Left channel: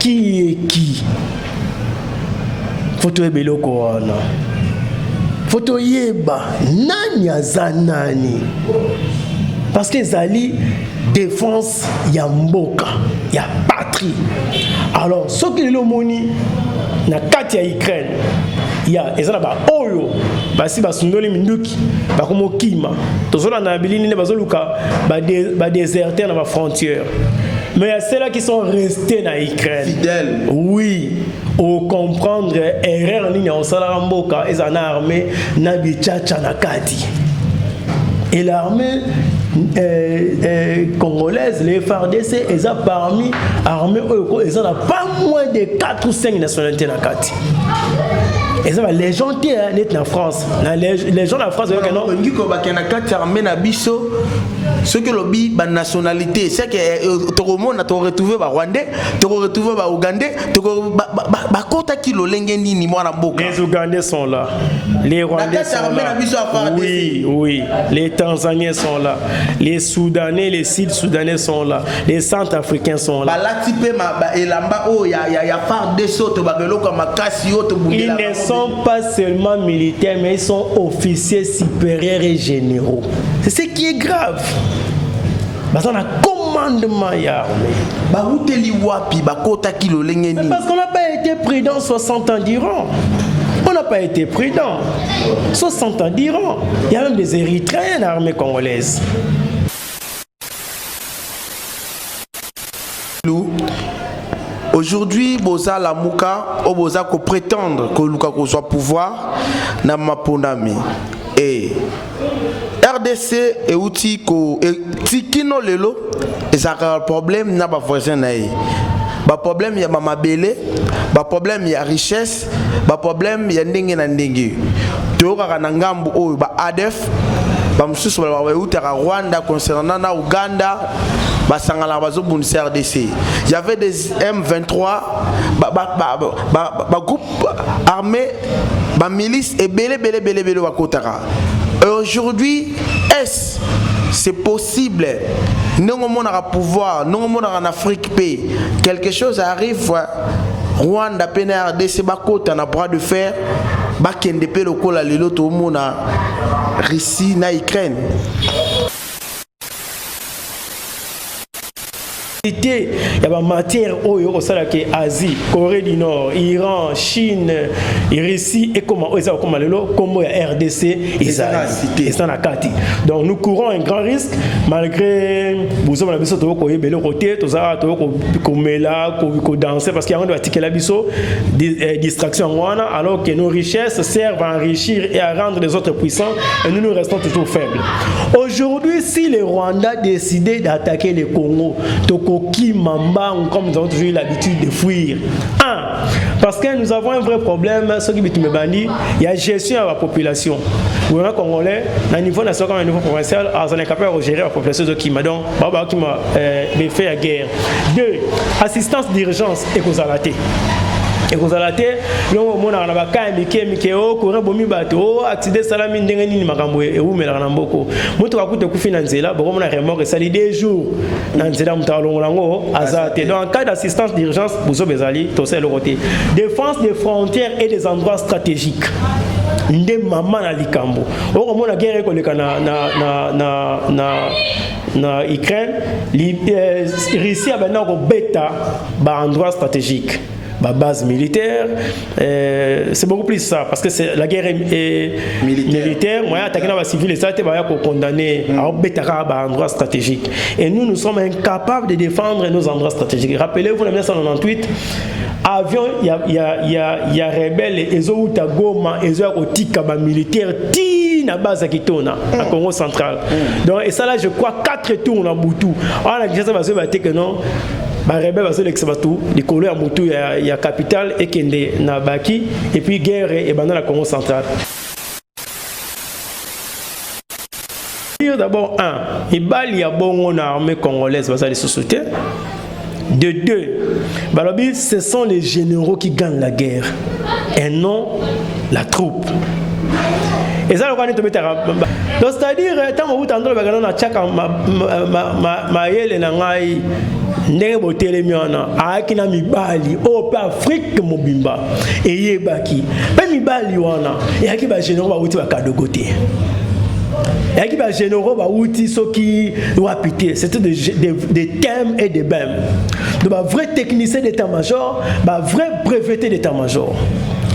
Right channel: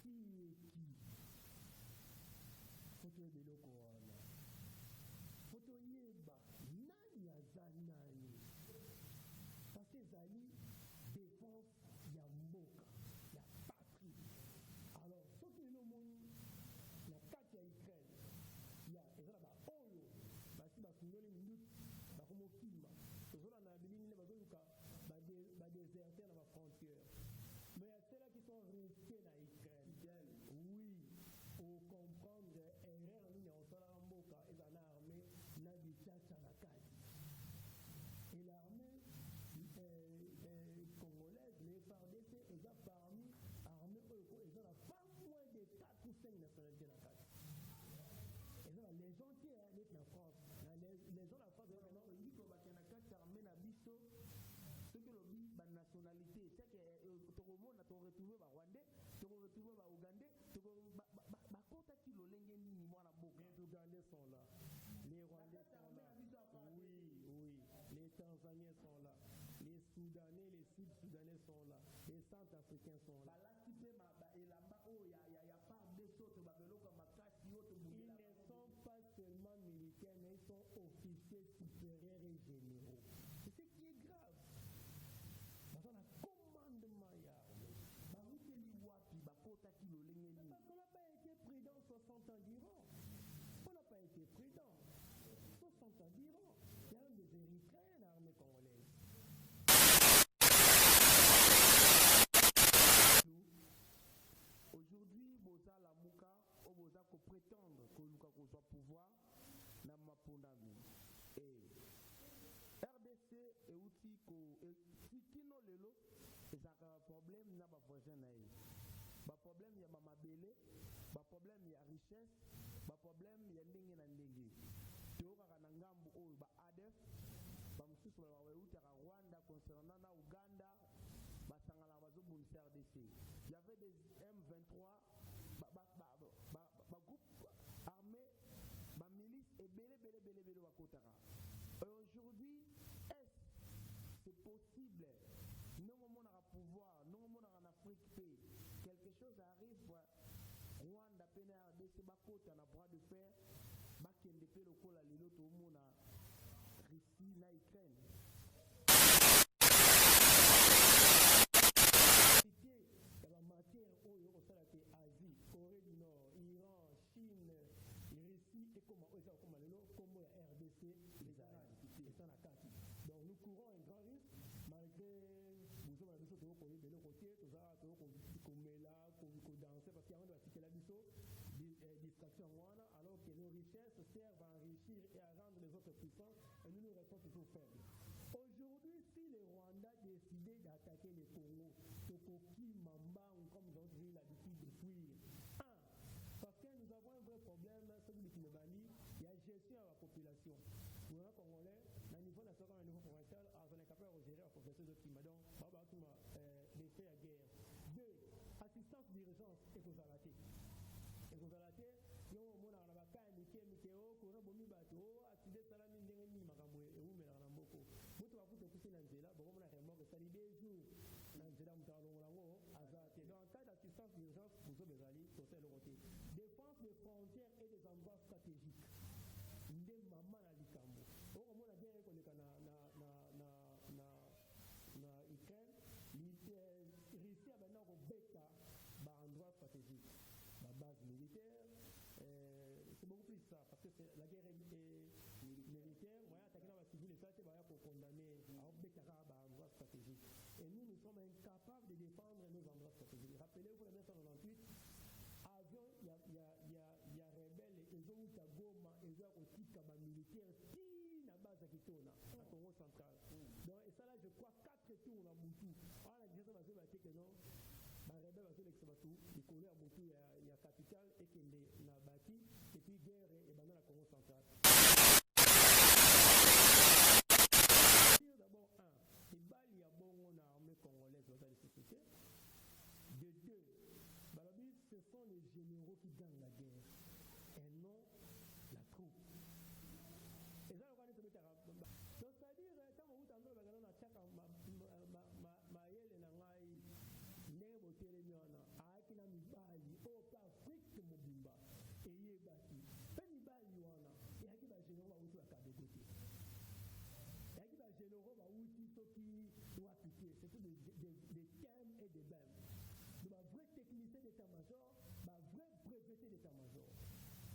qui est qui? Faut te beloko wana. Faut te yeba nani aza nani. Parce que zali défense ya mboka, ya patrie. Alors ce qui est le moni na kati ya Ukraine, ya ezala ba oyo basi basundoli minduki bakomo kima tozola na bilini ne bazoluka ba déserter na ba frontière. Mais il y a ceux-là qui sont restés dans l'Ukraine. Fidèles. Oui. Au comprendre, erreur ni na osala mboka ezana armée na bichacha na kati. Et l'armée congolaise, les FARDC, ils ont parmi armée, ils ont pas moins de 4 ou 5 nationalités dans kati. Et ça va les gens qui sont en France, les gens en France, on dit que na kati armée na biso. Ce que lobby ba nationalité, c'est que tout le monde a retrouvé ba Rwandais, tu retrouvé ba Ougandais, tu ba kota ki lo lengeni ni mwana mboka. Les Ougandais sont là, les Rwandais sont là. Oui, oui, les Tanzaniens sont là, les Soudanais, les Sud-Soudanais sont là, les Centrafricains sont là. Ba latipe ma elamba o ya part de soto ba beloko makasi yo to bundela. Ils ne sont pas seulement militaires, mais ils sont officiers supérieurs et généraux. C'est ce qui est grave. Parce qu'on a commandement ya armée. Parce qu'on n'a pas été prudent 60 ans d'Iran. On n'a pas été prudent. 60 ans d'Iran. Il y a même des Érythréens dans l'armée congolaise. Aujourd'hui, Boza Lamuka, ou Boza ko prétendre que Luka ko soit pouvoir na mapondami. Et RDC et outil ko tikino lelo et ça a problème na ba voisin na yi. Ba problème ya mama belé, ba problème ya richesse, ba problème ya ndenge na ndenge. To ka na ngambu o ba ADF, ba mususu ba utaka Rwanda concernant na Uganda. RDC. Il y avait des M23, groupe armé, milice et belé. Et aujourd'hui, est-ce c'est possible? Nous avons un pouvoir, nous avons en Afrique, quelque chose arrive. Rwanda, RDC, on a bras de fer, Bakende le kola lelo to mona Russie na Ukraine. Il y a des matières au Asie, Corée du Nord, Iran, Chine, Russie et comment RDC et ça donc nous courons un grand risque malgré vous avez besoin de côté danser parce qu'il y a des distractions alors que nos richesses servent à enrichir et à rendre les autres puissants et nous restons toujours faibles. Aujourd'hui, si le Rwanda décidait d'attaquer le Congo, comme nous avons toujours eu l'habitude de fuir. Parce que nous avons un vrai problème, ce qui il y a gestion de la population. Le gouvernement congolais, à niveau national, au niveau provincial, on est capable de gérer la population de Kima. Donc, qui m'a fait la guerre. 2. Assistance d'urgence et causalité. Et vous allez non mon na ba ka mike o ko bomi bato accident salami ndenge nini makambo e u mela na mboko mutu akute ku finanzela boko mona remorque sali des jours na nzela mutalo ngo azate donc en cas d'assistance d'urgence bozo bezali to c'est le côté défense des frontières et des endroits stratégiques nde mama na likambo o mona guerre ko leka na Ukraine Russie a maintenant ko beta ba endroit stratégique. Ma base militaire, c'est beaucoup plus ça, parce que la guerre est militaire. Moi, attaquer les civils, ça a été condamné à un endroit stratégique. Et nous sommes incapables de défendre nos endroits stratégiques. Rappelez-vous, en 1998, avion, il y a rebelles, ils ont eu Goma, ils ont eu militaire, na base qui tourne à Congo central. Donc, et ça là, je crois 4 tours en Boutou. Alors, la question va se battre que non. Ba rebelle va se l'exbatou les couleurs Boutou il y a capitale et Kende na Baki et puis guerre et dans la Congo centrale. D'abord il y a bon armée congolaise va les soutien. De 2, balobi ce sont les généraux qui gagnent la guerre et non la troupe. Et ça, donc c'est-à-dire, tant que vous entendez le bagage, on a tchaka ma yele na ngai ndenge botelemi wana ayaki na mibali oyo mpe Afrique mobimba eyebaki mpe mibali wana eyaki bagénéraux bauti bakadogo te eyaki bagénéraux bauti soki wapi te. C'était des thèmes et des bèmes, donc bavrai technicien d'état-major, bavrai breveté d'état-major.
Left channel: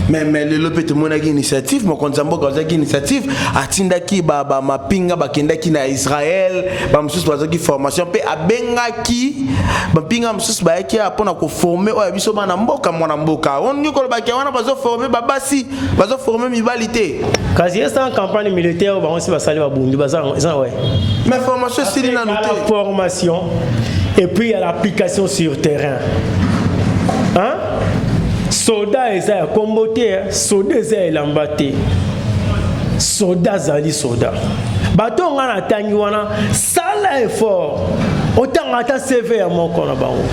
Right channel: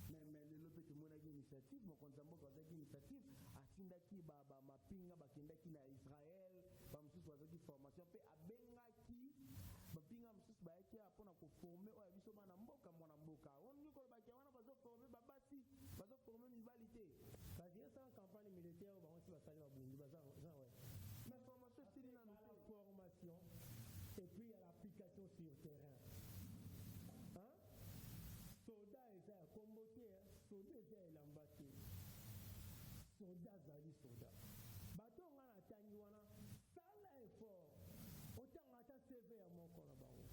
Mais le peut monaki initiative mon konzambo kazaki initiative atindaki ba mapinga bakendaki na Israël ba msusu bazaki formation pe abengaki mapinga msusu bayaki apona ko former oya biso bana mboka mwana mboka ongi ko baki wana bazo former babasi bazo former mibalité kasi esta en campagne militaire ba onsi basali ba bundu baza ouais mais formation c'est na noté formation et puis il y a l'application sur terrain, hein. Soda eza kombote, soda eza elambate. Soda zali soda. Bato ngana tangi wana sala effort. Autant ata CV ya moko na bango.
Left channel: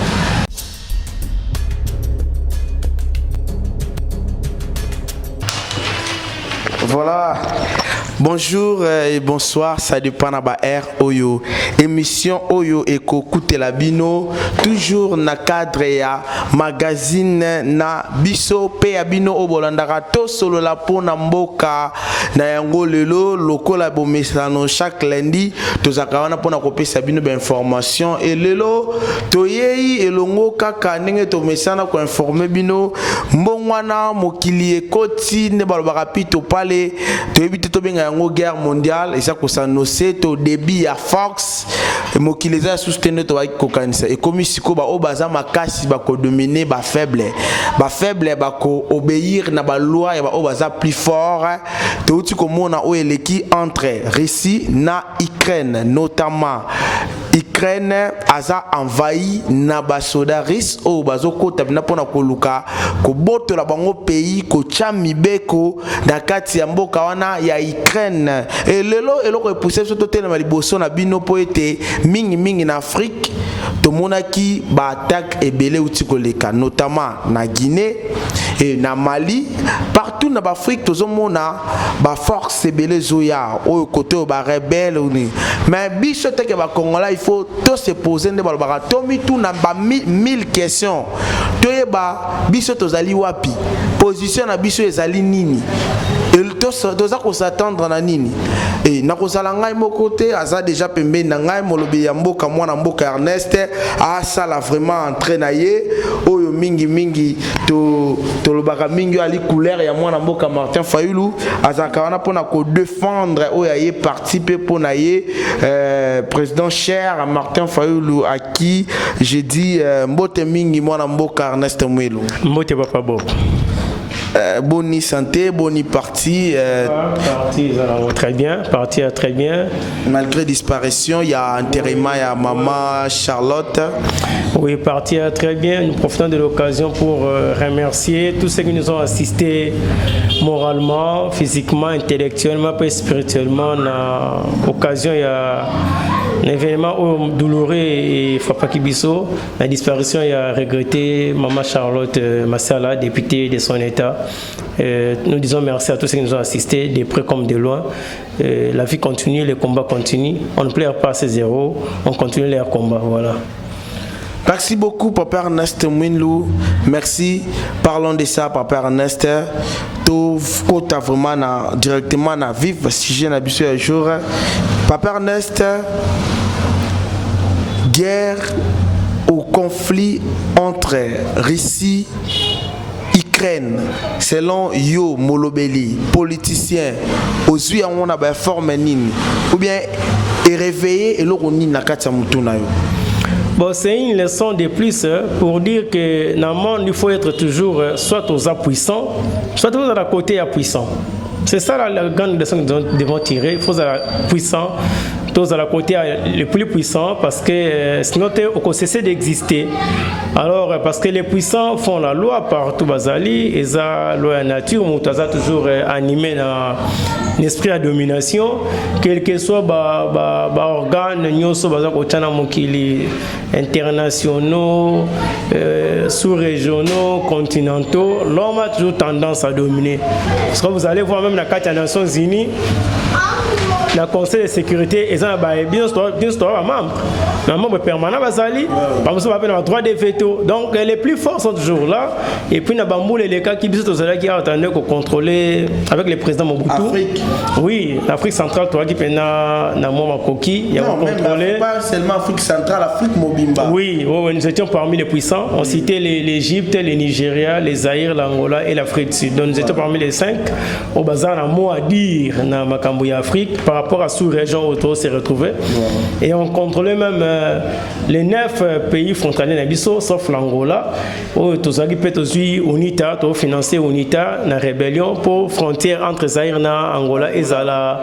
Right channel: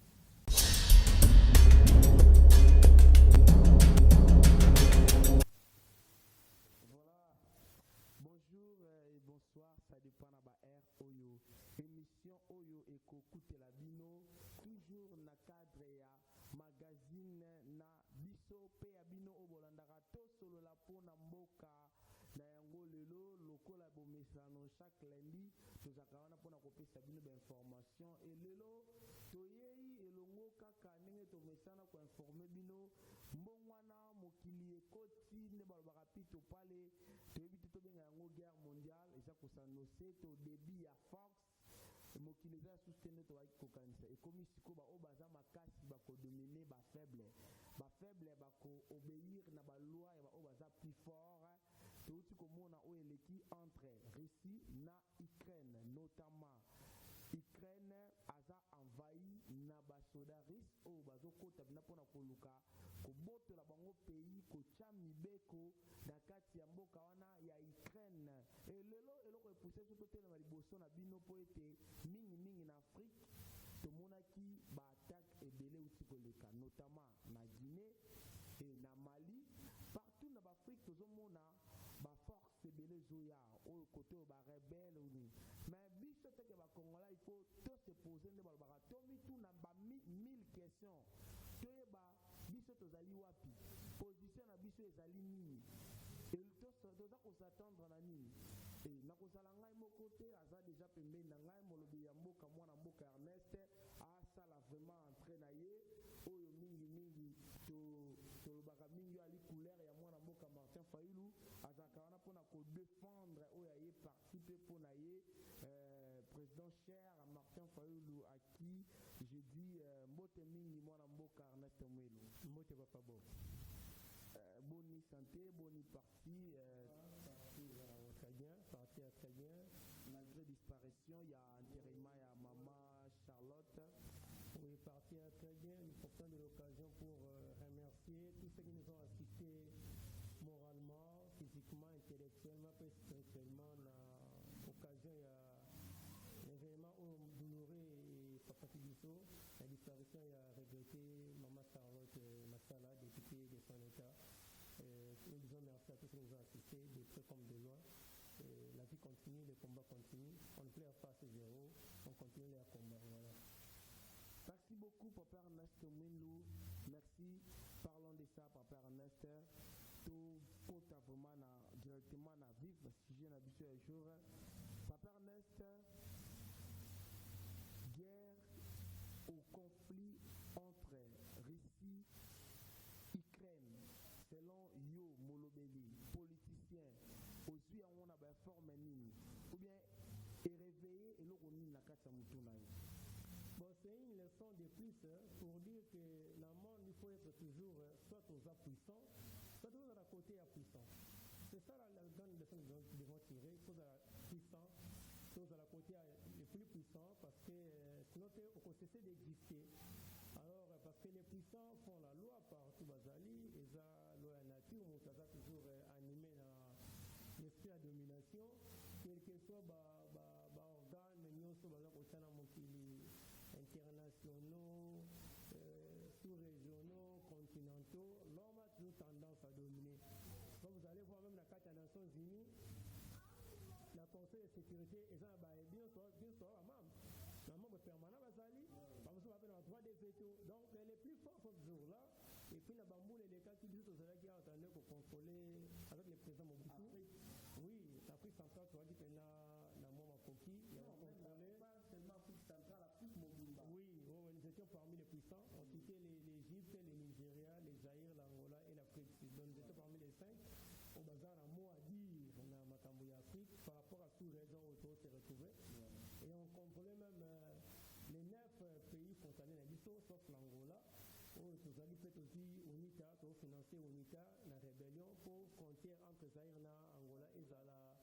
Voilà. Bonjour et bonsoir, ça dépend na ba R Oyo. Émission Oyo Eko Kutela Bino, toujours na cadre ya magazine na biso pe ya bino obolandaka to solo la pona mboka na yango lelo lokola bomesano chaque lundi tozaka wana pona kopesa bino ba information et lelo toyei elongo kaka ndenge to mesana ko informer bino mbongwana mokili ekoti ne balobaka pito pale toyebite to benga yango guerre mondiale eza ko s'annoncer to débit ya Fox mokili za soutenir to ba kokanisa et comme siko ba obaza makasi ba ko dominer ba faible ba ko obéir na ba loi ya ba obaza plus fort to uti ko mona o eleki entre Russie na Ukraine notamment Ukraine aza envahi na ba soda russe o bazo kota bina pona koluka ko botola bango pays ko chamibeko na kati ya mboka wana ya Ukraine et lelo eloko epousse soto tena maliboso na bino po ete mingi na Afrique to monaki ba attaque ebele uti koleka notamment na Guinée et na Mali partout na Afrique tozo mona ba force ebele zoya o côté ba rebelle ni mais biso teke ba Congolais il faut tout se poser nde balobaka tomi tout na ba 1000 questions toyeba biso tozali wapi position na biso ezali nini toza ko s'attendre na nini et na ko sala ngai moko te aza déjà pembe na ngai molobi ya mboka mwana mboka Ernest a sala vraiment entraîner oyo mingi to lobaka mingi ali couleur ya mwana mboka Martin Fayulu azaka wana pona ko défendre oyo ye participer pona ye président cher Martin Fayulu à qui j'ai dit mbote mingi mwana mboka Ernest Mwelu mbote papa bo Boni santé, boni parti. Parti très bien, parti très bien. Malgré disparition, il y a enterrement, il y a maman Charlotte. Oui, parti très bien. Nous profitons de l'occasion pour remercier tous ceux qui nous ont assistés moralement, physiquement, intellectuellement, et spirituellement. L'occasion, il y a un événement douloureux et Papa Kibiso. La disparition, il a regretté maman Charlotte Massala, députée de son État. Nous disons merci à tous ceux qui nous ont assistés, de près comme de loin. La vie continue, les combats continuent. On ne pleure pas à ces héros, on continue leur combat. Voilà. Merci beaucoup, Papa Ernest Mwinlou. Merci. Parlons de ça, Papa Ernest. Tu as vraiment directement à vivre si j'ai l'habitude un jour. Papa Ernest, guerre ou conflit entre Russie et Ukraine, selon Yo Molobeli, politicien, aux yeux on a bien formé ou bien est réveillé et l'on n'a qu'à t'amoutouna. Bon, c'est une leçon de plus pour dire que dans le monde, il faut être toujours soit aux puissants, soit aux à côté à puissants. C'est ça la grande leçon que nous devons tirer. Il faut être puissant, tous à la côté les plus puissants, parce que sinon on cesse d'exister. Alors, parce que les puissants font la loi partout, Bazali, et la loi de la nature, on est toujours animé dans l'esprit de domination, quel que soit l'organe, internationaux, sous-régionaux, continentaux, l'homme a toujours tendance à dominer. Parce que vous allez voir même la carte des Nations Unies, le Conseil de sécurité, ils ont bien membre permanent, ils ont droit de veto. Donc les plus forts sont toujours là. Et puis, les cas qui attendent qu'on contrôler avec le président Mobutu. Afrique. Oui, l'Afrique centrale, toi qui peine na Moma Koki, il y a contrôlé. Pas seulement Afrique centrale, Afrique Mobimba. Oui, nous étions parmi les puissants. On citait l'Égypte, le Nigeria, les Zaïre, l'Angola et l'Afrique du Sud. Donc nous étions parmi les 5. Au bazar, on a un mot à dire dans Makambo Afrique par rapport à sous-région où on s'est retrouvé. Et on contrôlait même les 9 pays frontaliers d'Abisso, sauf l'Angola, où tous les pays UNITA, tout financé UNITA, la rébellion pour frontière entre Zaïre et Angola et Zala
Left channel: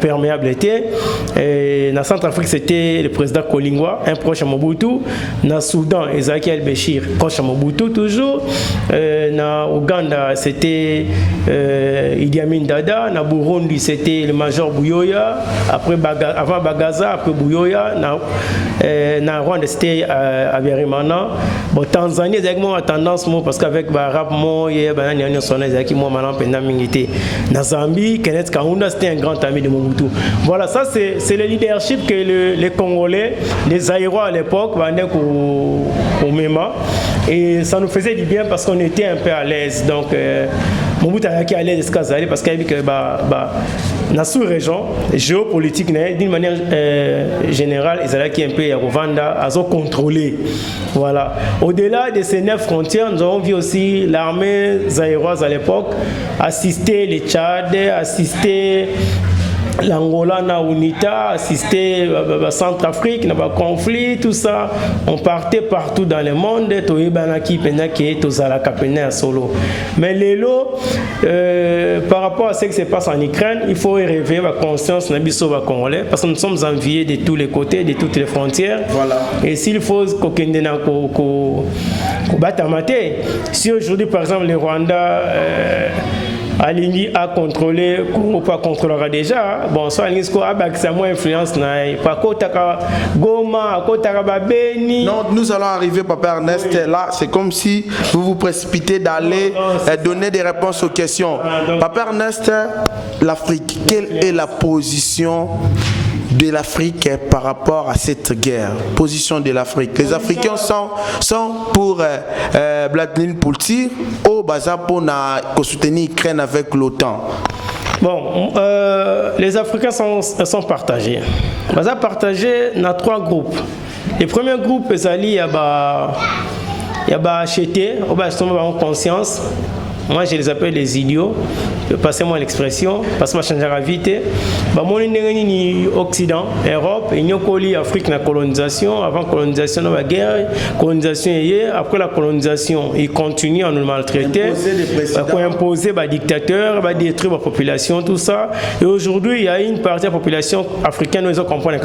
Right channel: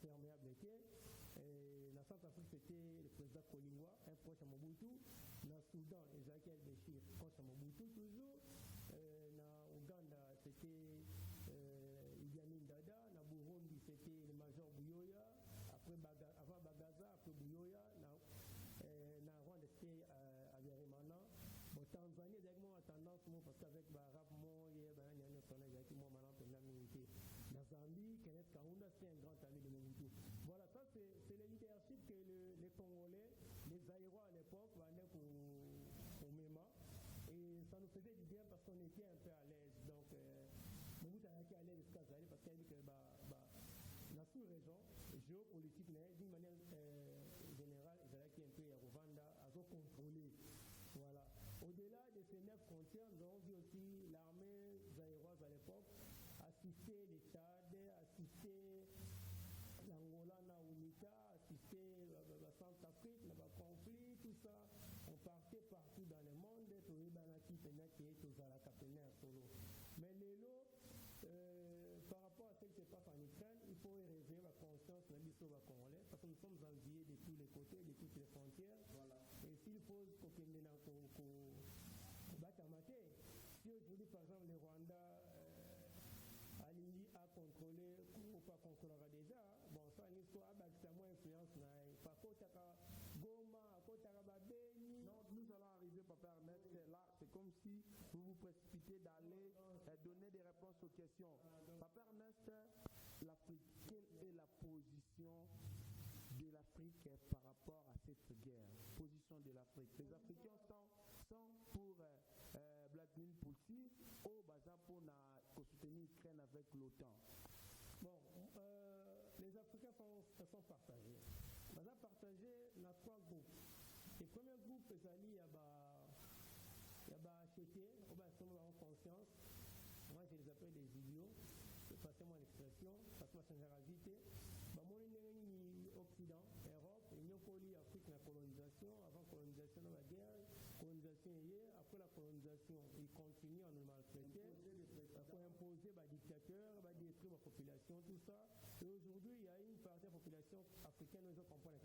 perméabilité. Et dans Centrafrique, c'était le président Kolingwa, un proche à Mobutu. Dans Soudan, Ezaki El-Béchir, proche à Mobutu toujours. Dans Ouganda, c'était Idi Amin Dada. Dans Burundi, c'était le major Buyoya. Avant Bagaza, après Buyoya. Dans Rwanda, c'était Abiyarimana. Bon, Tanzanie, exactement à tendance, parce qu'avec Barab, dans Zambie, Kenneth Kaunda, c'était un grand ami de Mobutu. Voilà, ça c'est le leadership que les Congolais, les Aïrois à l'époque, au MEMA. Et ça nous faisait du bien parce qu'on était un peu à l'aise. Donc, Mobutu a été à l'aise parce qu'il y avait que la sous-région géopolitique, d'une manière générale, ils allaient un peu à Rwanda, à contrôler. Voilà. Au-delà de ces 9 frontières, nous avons vu aussi l'armée zaïroise à l'époque assister les Tchad, assister l'Angola, na UNITA, assister à Centrafrique, na conflit, tout ça. On partait partout dans le monde, solo. Mais l'élo, par rapport à ce qui se passe en Ukraine, il faut réveiller la conscience de Congolais parce que nous sommes enviés de tous les côtés, de toutes les frontières. Voilà. Et s'il faut qu'on batte à mater, si aujourd'hui par exemple le Rwanda Alingi a contrôlé, Congo pas contrôlera déjà. Bon, soit Alingi a moins influence. Non, nous allons arriver, Papa Ernest. Oui. Là, c'est comme si vous vous précipitez d'aller donner des réponses aux questions. Papa Ernest, l'Afrique, quelle est la position de l'Afrique par rapport à cette guerre? Position de l'Afrique. Les Africains sont pour Vladimir Poutine au bazar pour soutenir l'Ukraine avec l'OTAN. Bon, les Africains sont partagés. Bazar partagé dans 3 groupes. Le premier groupe, il y a acheté, en conscience. Moi, je les appelle les idiots. Passez-moi l'expression, parce que je change la vite. Occident, Europe, et Afrique, la colonisation. Avant la colonisation, la guerre, colonisation après la colonisation, ils continuent à nous maltraiter, à imposer des dictateurs, à détruire la population, tout ça. Et aujourd'hui, il y a une partie de la population africaine, nous comprenons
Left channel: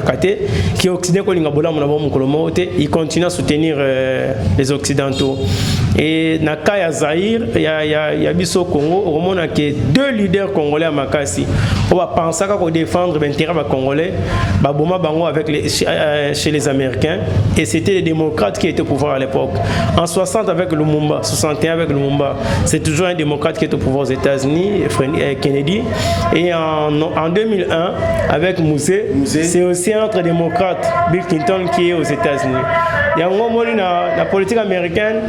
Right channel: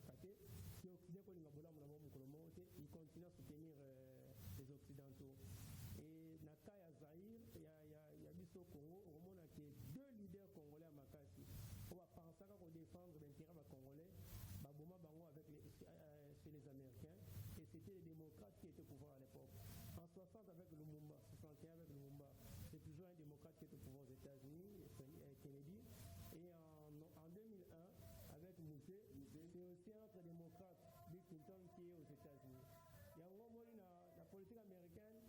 qui est occident, ils continuent à soutenir les Occidentaux. Et dans le cas de Zaïre, il y a Bisso Congo, on a 2 leaders congolais à Makassi. On va penser qu'on défendre l'intérêt congolais chez les Américains. Et c'était les démocrates qui étaient au pouvoir à l'époque. En 60 avec Lumumba, 61 avec Lumumba, c'est toujours un démocrate qui est au pouvoir aux États-Unis, Kennedy. Et en 2001 avec Mousset, c'est aussi un autre démocrate, Bill Clinton, qui est aux États-Unis. Il y a un moment la politique américaine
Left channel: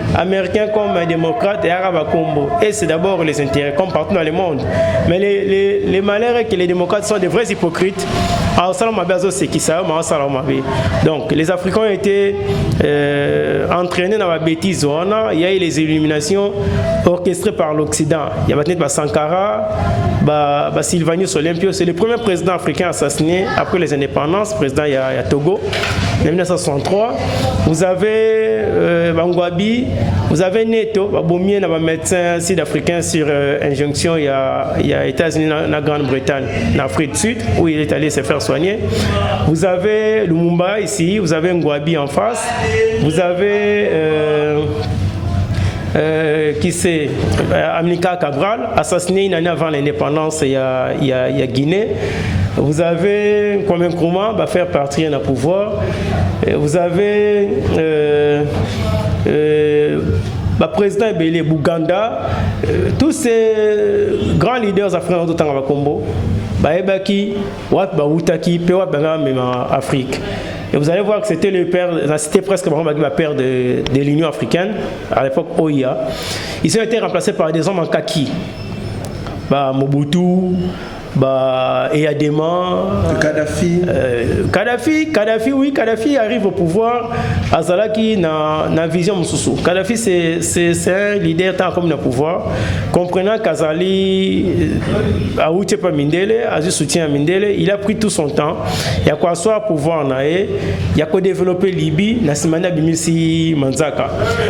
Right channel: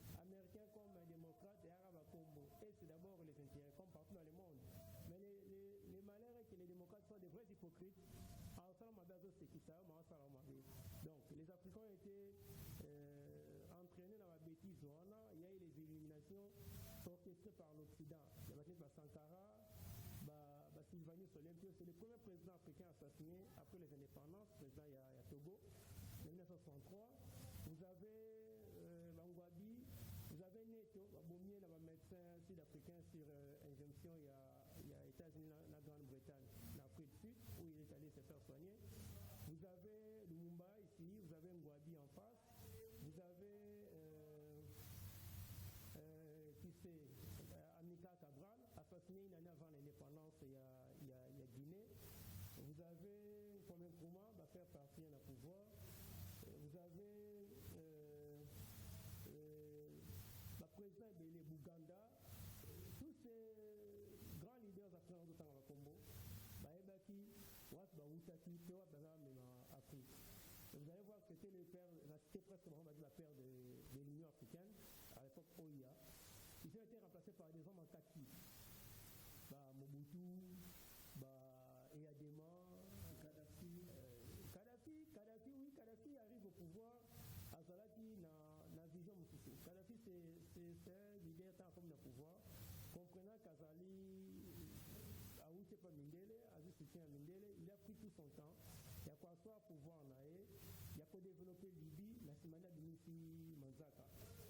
comme un démocrate et arabe combo. Et c'est d'abord les intérêts, comme partout dans le monde. Mais les malheurs est que les démocrates sont des vrais hypocrites. Donc les Africains ont été entraînés dans la bêtise. Il y a eu les illuminations orchestrées par l'Occident. Il y a Sankara, Sylvanus Olympio. C'est le premier président africain assassiné après les indépendances. Président, il y a Togo, en 1963. Vous avez Bangwabi, vous avez Neto, un médecin sud-africain sur injonction. Il y a États-Unis, la Grande-Bretagne, l'Afrique du Sud, où il est allé se faire soigner. Vous avez Lumumba ici, vous avez Ngwabi en face, vous avez qui c'est Amilcar Cabral, assassiné une année avant l'indépendance, il y a Guinée. Vous avez Kwame Nkrumah, va faire partir dans le pouvoir. Vous avez le président Ebele Buganda, tous ces grands leaders africains de Combo, Baebaki, Wap Baoutaki, Pewap Banga, même en Afrique. Et vous allez voir que c'était le père, c'était presque le père de l'Union africaine, à l'époque OIA. Ils ont été remplacés par des hommes en kaki. Mobutu, Eyadema, Kadhafi, oui, Kadhafi arrive au pouvoir. Azalaki na vision Moussoussou. Kadhafi c'est un leader tant comme le pouvoir. Comprenant qu'Azali a outé pas Mindele, a soutien à Mindele, il a pris tout son temps. Il y a quoi soit pouvoir naé, il y a quoi développer Libye, Nassimana Bimisi Manzaka.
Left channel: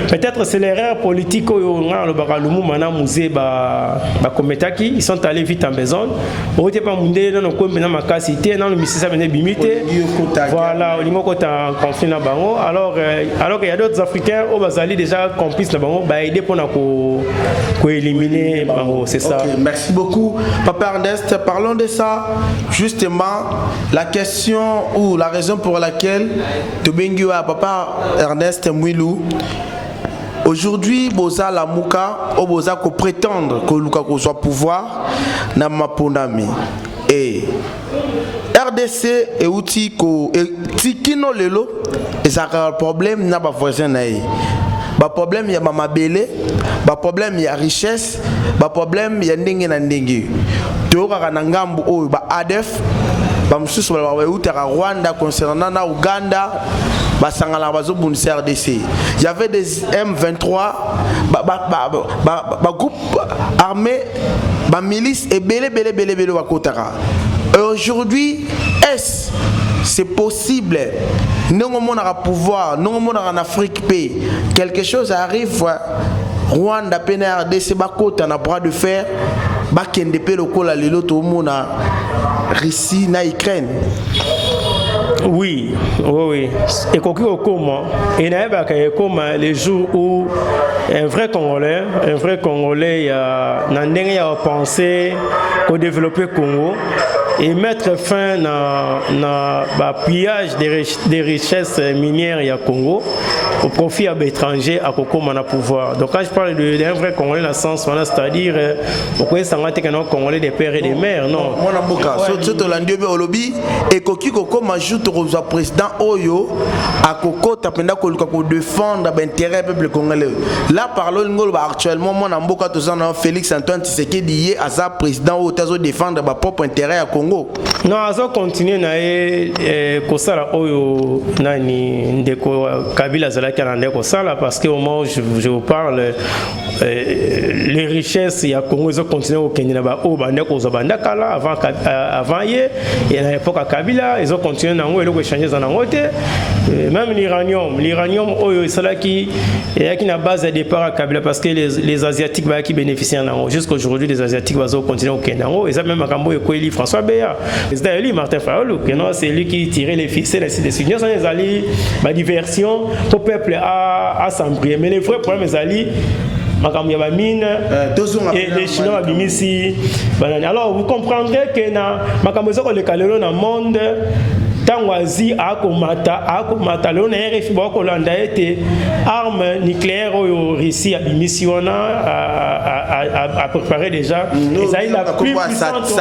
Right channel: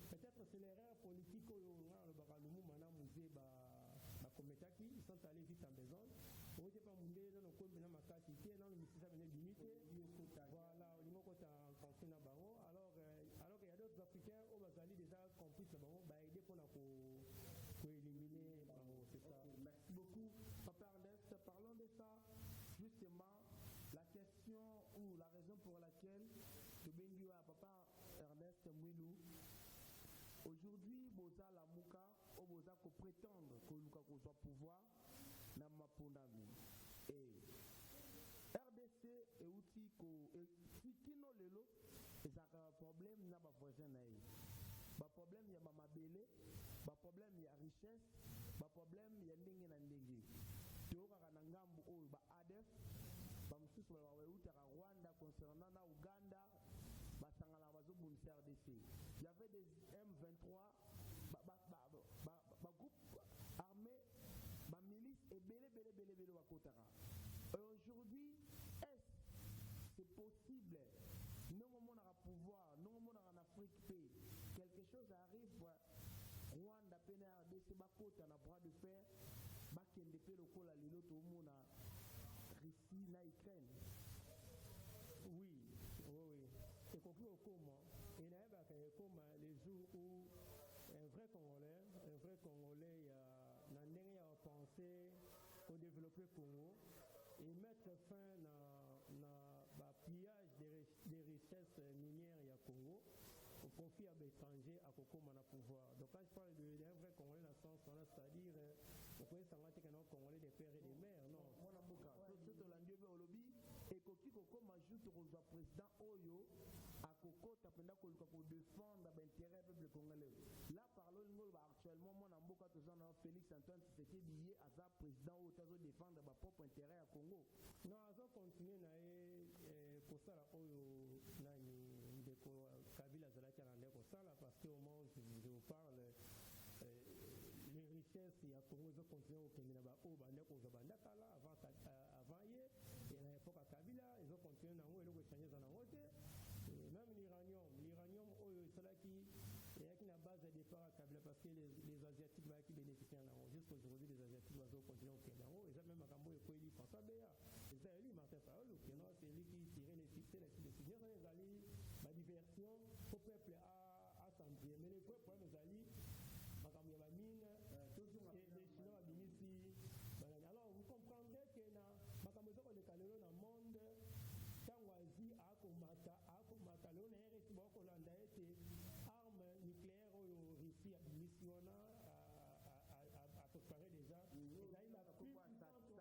Peut-être c'est l'erreur politique au le Baralumu Mana Musée Kometaki, ils sont allés vite en besogne. On n'était pas mundé dans nos communes, dans ma cité, dans le Mississippi, dans le Bimité. Voilà, on est en conflit dans Bango. Alors qu'il y a d'autres Africains, au Bazali déjà complices dans Bango, aider pour éliminer Bango, c'est ça. Okay, merci beaucoup, Papa Ernest. Parlons de ça, justement, la question ou la raison pour laquelle Tobengu a Papa Ernest Mwilou. Aujourd'hui, Boza Lamouka, ou Boza ko prétendre que Luka ko soit pouvoir na mapondami. Et RDC et outil ko tikino lelo et ça a un problème na ba voisin nae. Ba problème ya mama belé, ba problème ya richesse, ba problème ya ndenge na ndenge. To ka na ngambu o ba ADF, ba mususu ba utera Rwanda concernant na Uganda. RDC. Il y avait des M23, groupe armé, milice et belé. Et aujourd'hui, est-ce c'est possible? Nous avons un pouvoir, nous avons en Afrique, quelque chose arrive, Rwanda, RDC, on a bras de fer, Bakende le col à l'îlot, Russie, na Ukraine. Oui. Et comment les jours où un vrai Congolais a pensé au développer Congo et mettre fin à pillage des richesses minières au Congo au profit d'étrangers à Kokoma pouvoir. Donc quand je parle d'un vrai Congolais dans le sens, c'est-à-dire au Congolais des pères et des mères, non. Président Oyo à Koko tapenda ko défendre l'intérêt du peuple congolais. Là parlons actuellement mon amboka tozana Félix Antoine Tshisekedi à sa président au tazo défendre ba propre intérêt à Congo. Non, azo continuer na kosala Oyo nani ndeko Kabila zalaki na ndeko sala parce que au moment je vous parle les richesses il y a Congo ils ont continué au Kenya ba o bandeko zobanda kala avant hier et à l'époque à Kabila ils ont continué na ngo changer en angote même l'uranium oyo c'est qui na base de départ à Kabila parce que les asiatiques qui bénéficient en ango jusqu'à aujourd'hui les asiatiques vont continuer au Kenya et ça même Makambo et François Béa c'est d'ailleurs Martin Fayulu que non c'est lui qui tirait les ficelles de signes sont les alliés ma diversion au peuple à s'embrouiller mais les vrais problèmes les alliés et les Chinois Bimisi. Alors vous comprendrez que dans le monde Tangwazi akomata le RFI bakolanda ete arme nucléaire au Russie a mission à préparer déjà et la plus puissante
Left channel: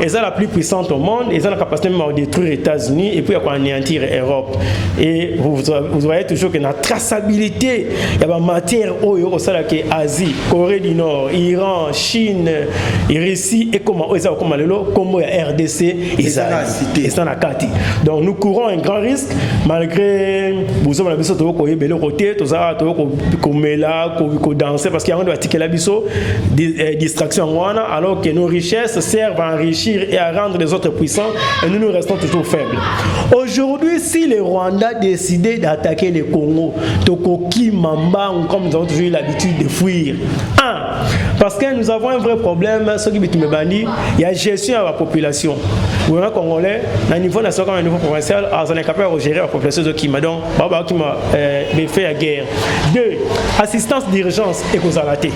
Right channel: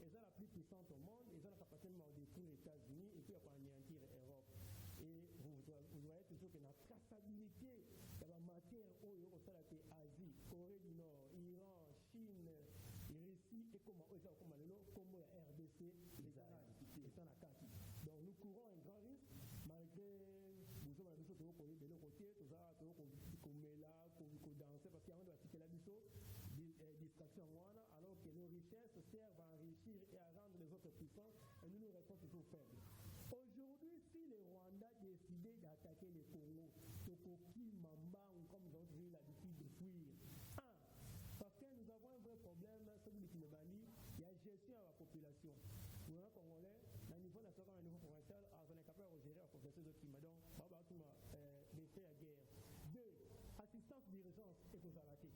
et ça la plus puissante au monde et ça la capacité même à détruire les États-Unis et puis à anéantir l'Europe et vous voyez toujours que la traçabilité il y a la matière au ça qui est Asie, Corée du Nord, Iran, Chine, Russie et comment ça comme le comme RDC et ça donc nous courons un grand risque malgré vous avez besoin de vous bel côté tout ça ko danser parce qu'il y a un article là biso distraction alors que nos richesses servent à enrichir et à rendre les autres puissants et nous restons toujours faibles. Aujourd'hui si le Rwanda décidait d'attaquer le Congo Tokoki Mamba comme nous avons toujours eu l'habitude de fuir parce que nous avons un vrai problème ce qui il y a gestion à la population. Vous êtes Congolais, à niveau national, à niveau provincial, on est capable de gérer la population de Kima. Donc, qui m'a fait la guerre. 2. Assistance d'urgence et causalité.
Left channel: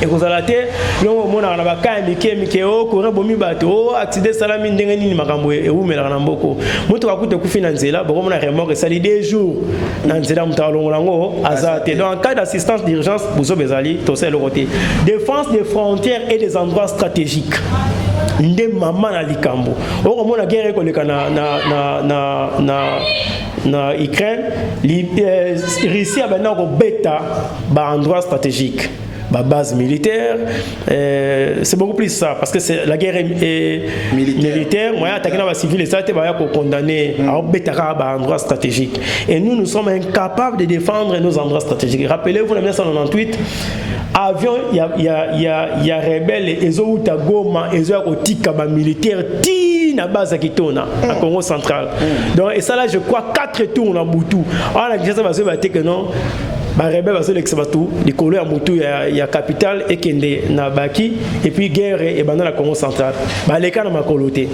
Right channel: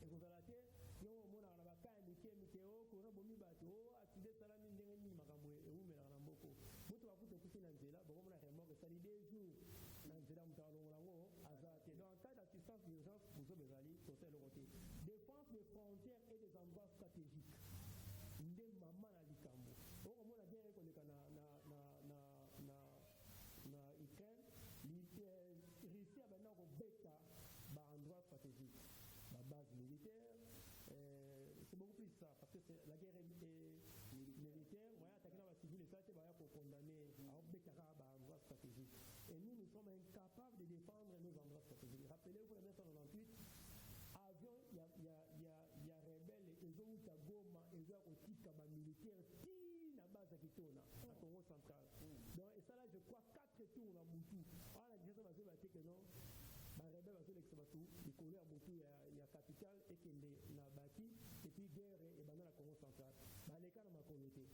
et vous allez non mon na ba ka mike o ko bomi bato accident salami ndenge nini makambo e ou mela na mboko mutu akute ku finanzela bo mona remorque sali 2 jours na nzela mutalo lango azate donc en cas d'assistance d'urgence vous bezali to c'est le côté défense des frontières et des endroits stratégiques nde mama na likambo o mona guerre ko leka na Ukraine Russie a maintenant ko beta ba endroit stratégique ba base militaire, c'est beaucoup plus ça parce que c'est la guerre militaire. Moi, attaquer les civils et ça, tu vas condamner à obéir à un endroit stratégique. Et nous sommes incapables de défendre nos endroits stratégiques. Rappelez-vous, en 1998, avion, il y a rebelles et ils ont eu Goma, ils ont eu militaire na base à Kitona, à Congo central. Donc, et ça là, je crois 4 tours dans Boutou. On a dit ça va se battre que non. Ba rebelle va se l'exbatou, les couleurs à Boutou, il y a capitale et Kende na Baki, et puis guerre et dans la Congo centrale. Ba les cas na makoloté.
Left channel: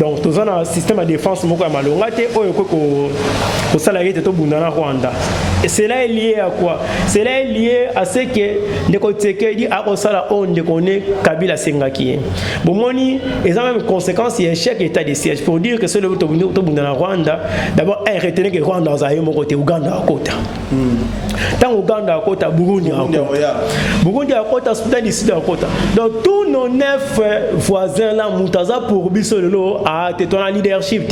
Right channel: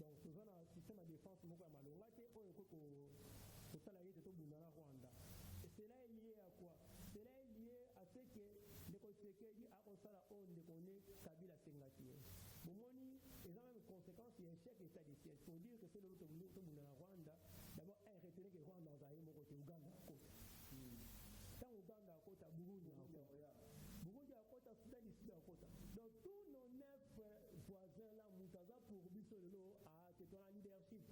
Donc, tout ça dans un système de défense, moko ya malongate, au salarié de Tobundana Rwanda. Et cela est lié à quoi? Cela est lié à ce que les côtés dit à Osala on ne connaît Kabila Sengaki. Bon, moni, et ça même conséquence, il y a un chèque état de siège pour dire que c'est le Tobundana Rwanda. D'abord, retenez que Rwanda a eu mon côté Ouganda à côté. Tant Ouganda à côté, Burundi à côté. Burundi à côté, Soudan du Sud à côté. Donc, tous nos 9 voisins là, Moutaza pour Bissololo, à ton leadership.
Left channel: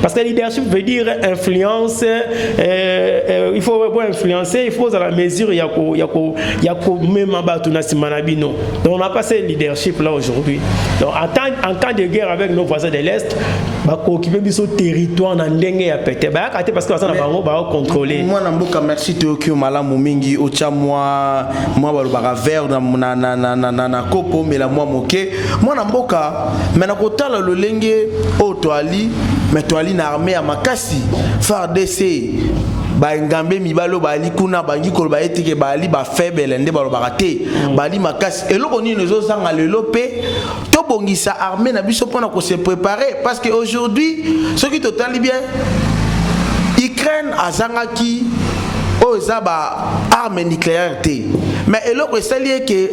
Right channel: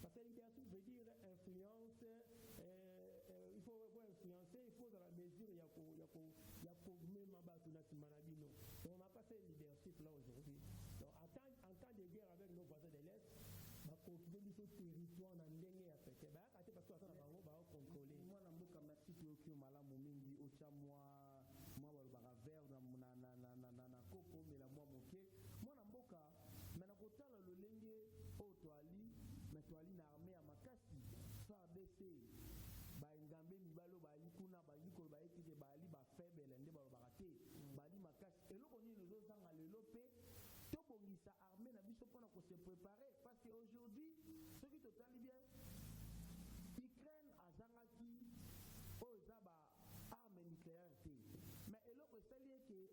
Parce que leadership veut dire influence, il faut influencer, il faut à la mesure, il y a même Manabino. Donc, on n'a pas ce leadership là aujourd'hui. Donc, en temps de guerre avec nos voisins de l'Est, on va occuper ce territoire dans l'Engue à péter. Parce que ça va contrôler. Moi, merci Tokyo Malamu Mingi, Ocha, moi, Balobara Vert, na Kopo, mais la moi moqué. Moi, Namboka, mais Nakota, le Lengue, Otoali, mais Toali na armée à Makasi, FARDC. Ba ngambe mibalo bali kuna bangi ko ba etike bali ba faible ndé balo barate bali makasi eloko ni nezo sanga lelo pe to bongisa armée na biso pona ko se préparer parce que aujourd'hui ce qui total bien Ukraine azangaki o za ba arme nucléaire té mais eloko esali que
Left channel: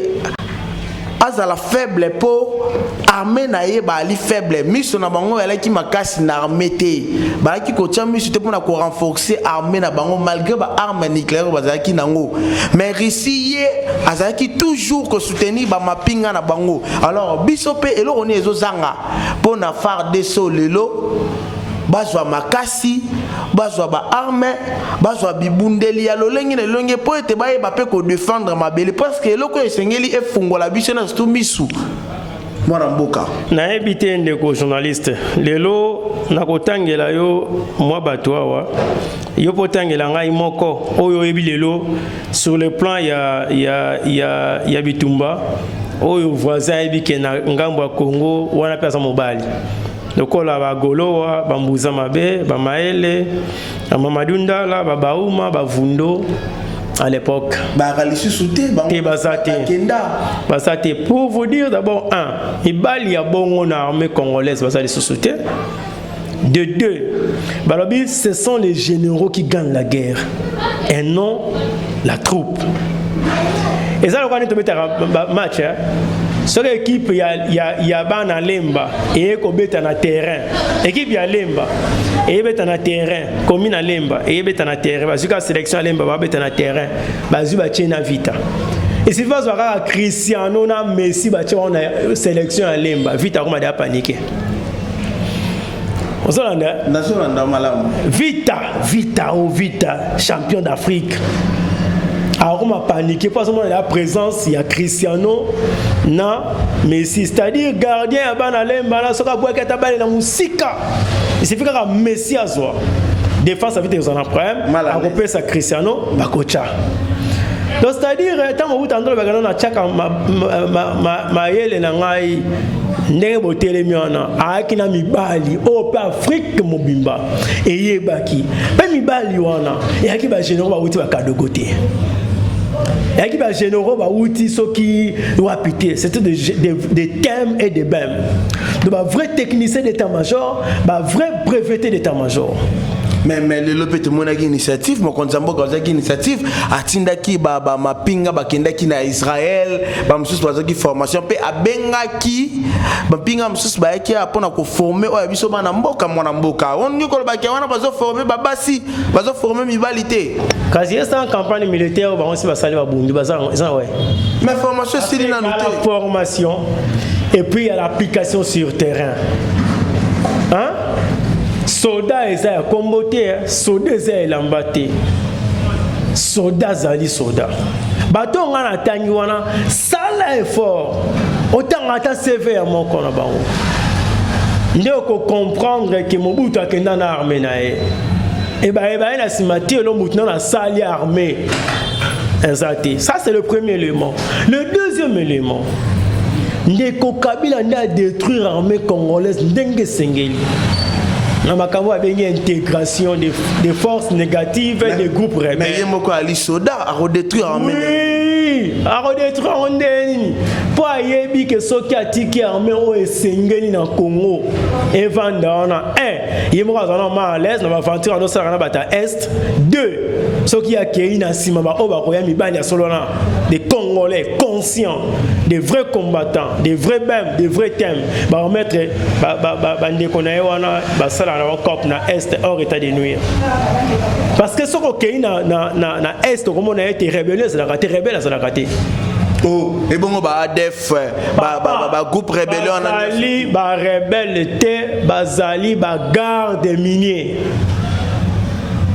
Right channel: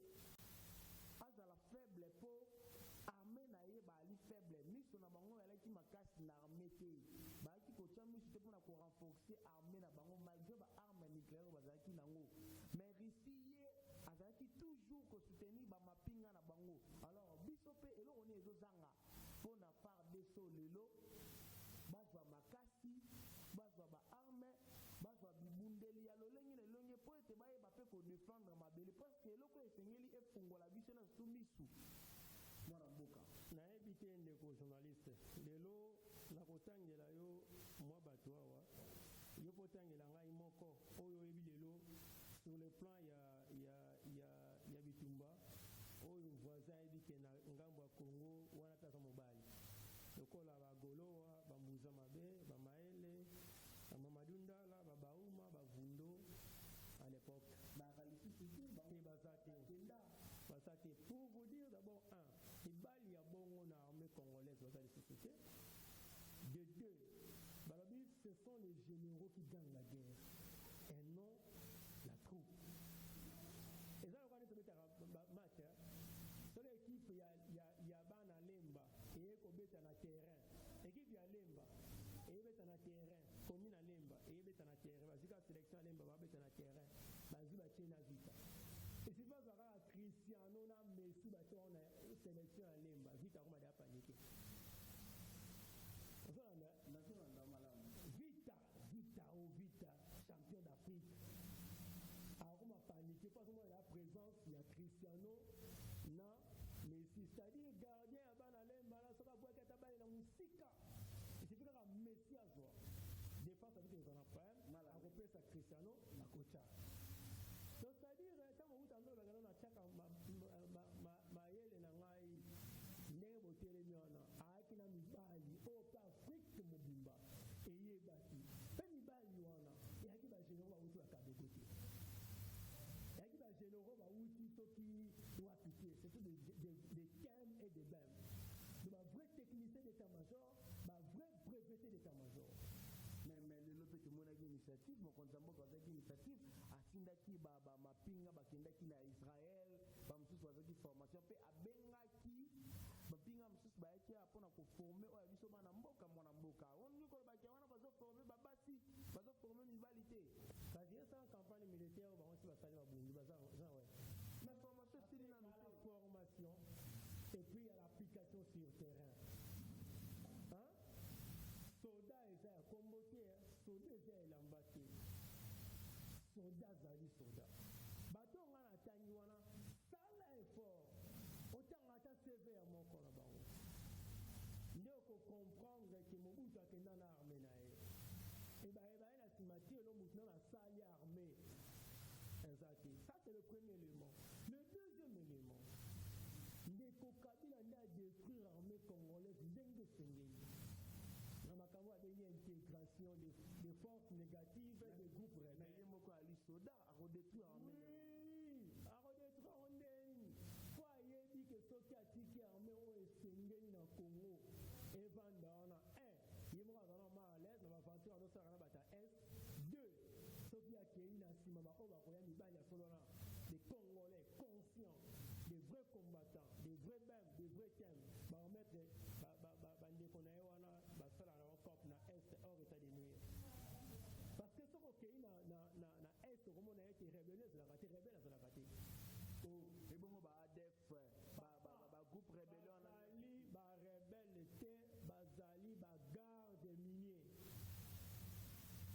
azala faible po armée na ye bali faible miso na bango elaki makasi na armée té baki ko tia miso té pona ko renforcer armée na bango malgré ba arme nucléaire bazaki nango mais Russie ye azaki toujours ko soutenir ba mapinga na bango alors biso pe eloko ni ezo zanga pona FARDC lelo bazwa makasi bazwa ba arme bazwa bibundeli ya lolengi na longe po ete baye ba pe ko défendre mabele parce que eloko esengeli efungola biso na stu misu mwana mboka na ebite ndeko journaliste lelo nakotangela yo mwa bato awa yo potangela ngai moko oyo ebi lelo sur le plan ya bitumba oyo voisin ebi ke na ngambo ya Congo wana pesa mobali lokola bagolowa bambuza mabe bamaele mamadundala babauma bavundo à l'époque basate pour vous dire d'abord ibali ya bongo na armée congolaise basali sous-souté de deux balobi ce sont les généraux qui gagnent la guerre et non la troupe et ça le quand tu mets match sur l'équipe il y a bana lemba et ko beta na terrain équipe ya lemba et beta na terrain commune lemba et beta na terrain bazika sélection lemba ba beta na terrain bazuba tchena vita et si vas voir Cristiano na Messi ba tchona sélection lemba vita comme da paniquer Ozolanda nasolanda malamu vita champion d'Afrique. Alors, on m'a paniqué parce que la présence, il y a Cristiano, na Messi, c'est-à-dire gardien à Banalem, Banasoka Bouakata la musique. Il suffit qu'un Messi à soi. Défense, ça veut dire qu'ils en ont problème. À repérer ça Cristiano, Bakocha. Donc, c'est-à-dire, tant que vous entendez le bagage, ma yele na ngai ndenge botele miona akina mibali o pe Afrique mobimba eye baki pe mibali wana yaki ba généraux ba wuti ba kadogote yaki ba généraux ba wuti soki wapité c'était des thèmes et des bèmes de ba vrai technicien d'état-major ba vrai breveté d'état-major Mais le lopete monaki initiative, mon konzambo kozaki initiative, atindaki ba mapinga bakendaki na Israël, ba mususu bazaki formation pe abengaki mapinga mususu bayaki apona ko former oya biso bana mboka mwana mboka. On ngi ko baki wana bazo former babasi, bazo former mibalité. Kasi est en campagne militaire ba onsi basali ba bundu baza ouais. Mais formation c'est na noté. Formation et puis il y a l'application sur terrain. Hein? Soda eza kombote, soda eza lambate. Soda zali soda. Bato ngana tangi wana sala effort. Autant ata CV à mon kona bango. Ndeko comprendre que Mobutu akenda na armée na e. Et bah na simati lo Mobutu na sali armée. Exact. Ça c'est le premier élément. Le deuxième élément. Ndeko Kabila n'a détruire l'armée congolaise ndenge sengeli. Na makambo abengi intégration des forces négatives et des groupes rebelles. Mais yemoko ali soda a redétruire armée. Oui, a redétruire ondeni. Po ayebi ke soki atiki armée o esengeli na Congo. Evanda na 1, yemoko azana ma à l'aise na ba aventure no sara na bata est. 2, soki akei na sima ba o ba koya mibali ya solo na des Congolais conscients, des vrais combattants, des vrais bêmes, des vrais thèmes. Ba remettre ba ndeko na wana ba sala na cop na est hors état de nuire. Parce que ce qu'on na est comme on a été rebelle, c'est la raté rebelle, c'est la raté. Oh, et bon ba ADF ba groupe rébellion bazali ba rebelle te bazali ba garde minier.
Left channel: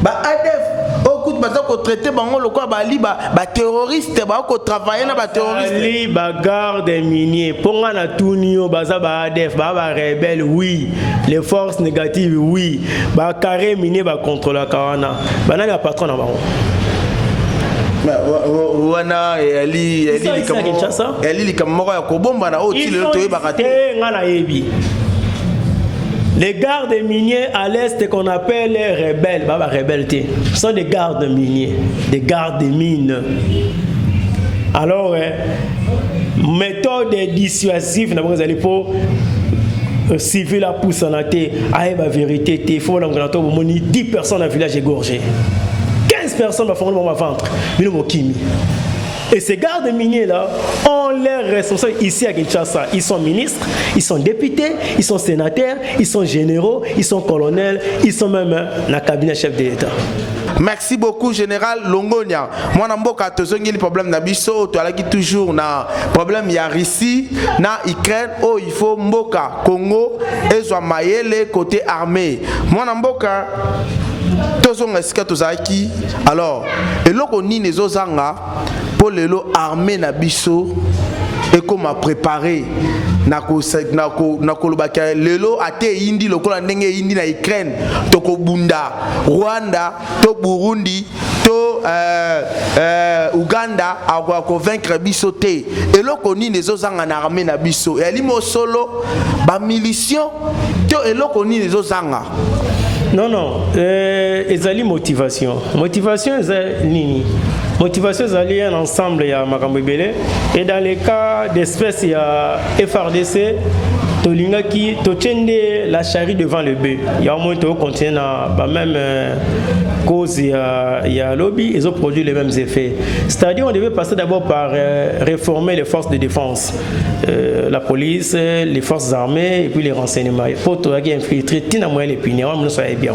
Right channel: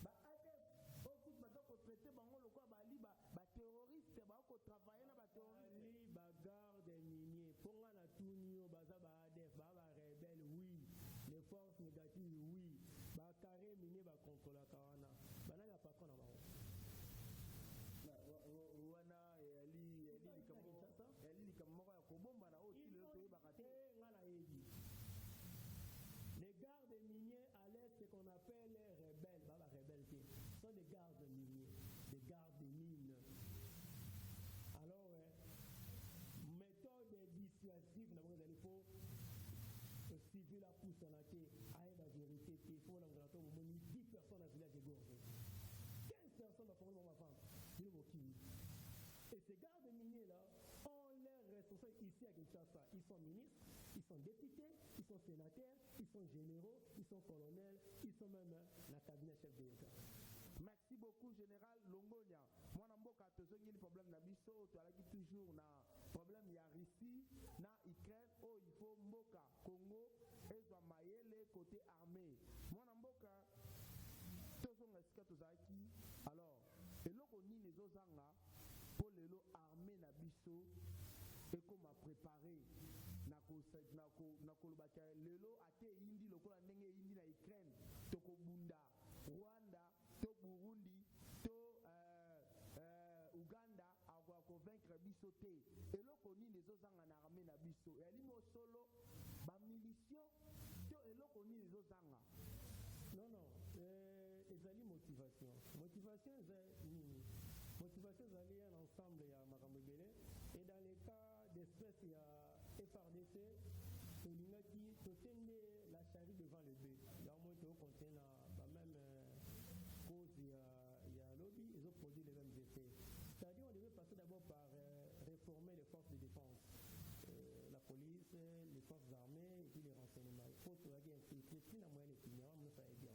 Ba ADF okut baza ko traiter bango lokwa bali ba terroriste ba ko travailler na ba terroriste ali ba garde minier ponga na tunio baza ba ADF ba rebelle oui, les forces négatives oui, ba carré minier ba contrôler kawana bana ya patron na bango. Wana eli likamoko ya kobomba na oti le to ebakate ngana yebi. Les gardes miniers à l'est qu'on appelle les rebelles, baba rebelles, sont des gardes miniers, des gardes mines. Alors, méthode dissuasive, vous allez pour civil à pousse en athée, aïe ma vérité, il faut l'engagement au moni 10 personnes dans le village égorgé. 15 personnes vont faire mon ventre, mais nous kimi. Et ces gardes miniers-là ont leurs responsables ici à Kinshasa. Ils sont ministres, ils sont députés, ils sont sénateurs, ils sont généraux, ils sont colonels, ils sont même dans le cabinet chef de l'État. Merci beaucoup, Général Longonia. Moi, je suis le problème na biso, tu as toujours na problème il y a Russie, na Ukraine, oh il faut Mboka, Congo, et soit Mayele côté armée. Moi, Mboka, alors, et là qu'on y les ozanga pour les armées na biso et comme a préparé nako lobaka lelo ate indi lokola ndenge indi na Ukraine toko bunda Rwanda to Burundi to Uganda a convaincre biso te et là qu'on y les ozanga na armée na biso et alimo solo ba milition to et là qu'on y les ozanga. Non, ezali motivation. Motivation c'est nini? Motivation c'est un ensemble il y a makambo belé et dans les cas d'espèce il y a FRDC tolinga qui tochende la charrue devant le bœuf. Il y a au moins to continuer na même cause il y a lobby ils ont produit les mêmes effets. C'est-à-dire on devait passer d'abord par réformer les forces de défense, la police, les forces armées et puis les renseignements. Pour tout infiltrer tina moyen les punitions, on soit bien.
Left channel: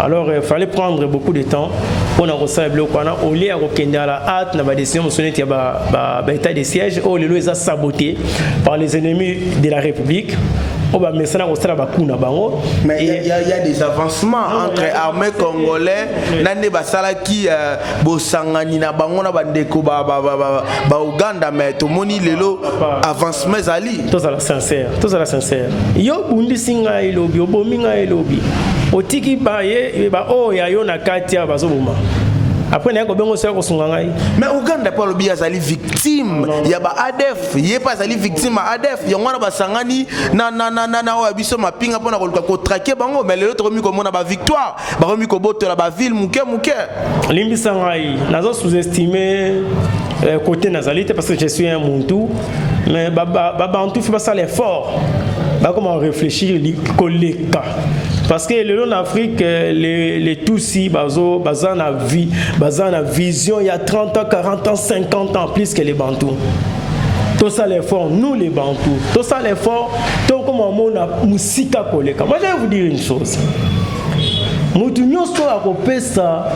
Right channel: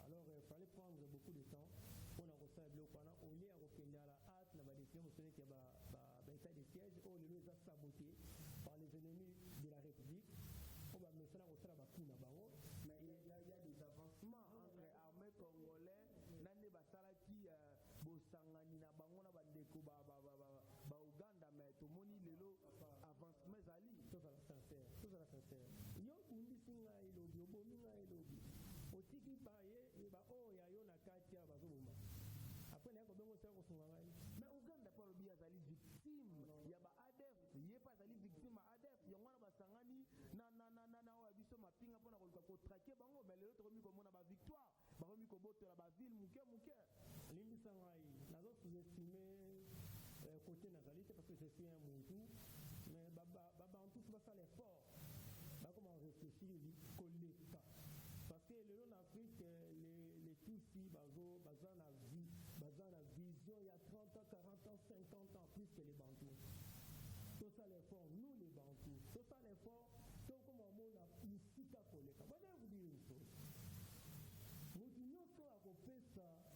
Alors il fallait prendre beaucoup de temps pour nous recevoir au lieu de à la hâte na décision il y a état de siège où les lois sont sabotées par les ennemis de la République. Mais il y a des avancements entre armées congolais nande basala qui bosangani na bango na bandeko ba Uganda mais to moni lelo avancement zali tous à la sincère yo bundi singa ilobi obominga ilobi otiki baye ba o ya yo na katia bazoboma. Après, mais Uganda pas le bien zali victime. Il y a ba ADF, il y a pas zali victime ADF. Il y a on a ba sangani na obiso ma pinga pona ko traquer bango mais les autres mi comme on a ba victoire. Ba mi ko boto la ba ville muke. Limbi sangai nazo sous-estimer côté nazalité parce que je suis un Muntu mais ba Bantu fait pas ça l'effort. Ba comment réfléchir koleka. parce que le long d'Afrique les Tutsis bazan na vision il y a 30 ans 40 ans 50 ans plus que les Bantous. Tout ça l'effort, nous les Bantous, tout ça l'effort, tout comme on a musika koleka. Moi je vais vous dire une chose. Moutounio soit à couper ça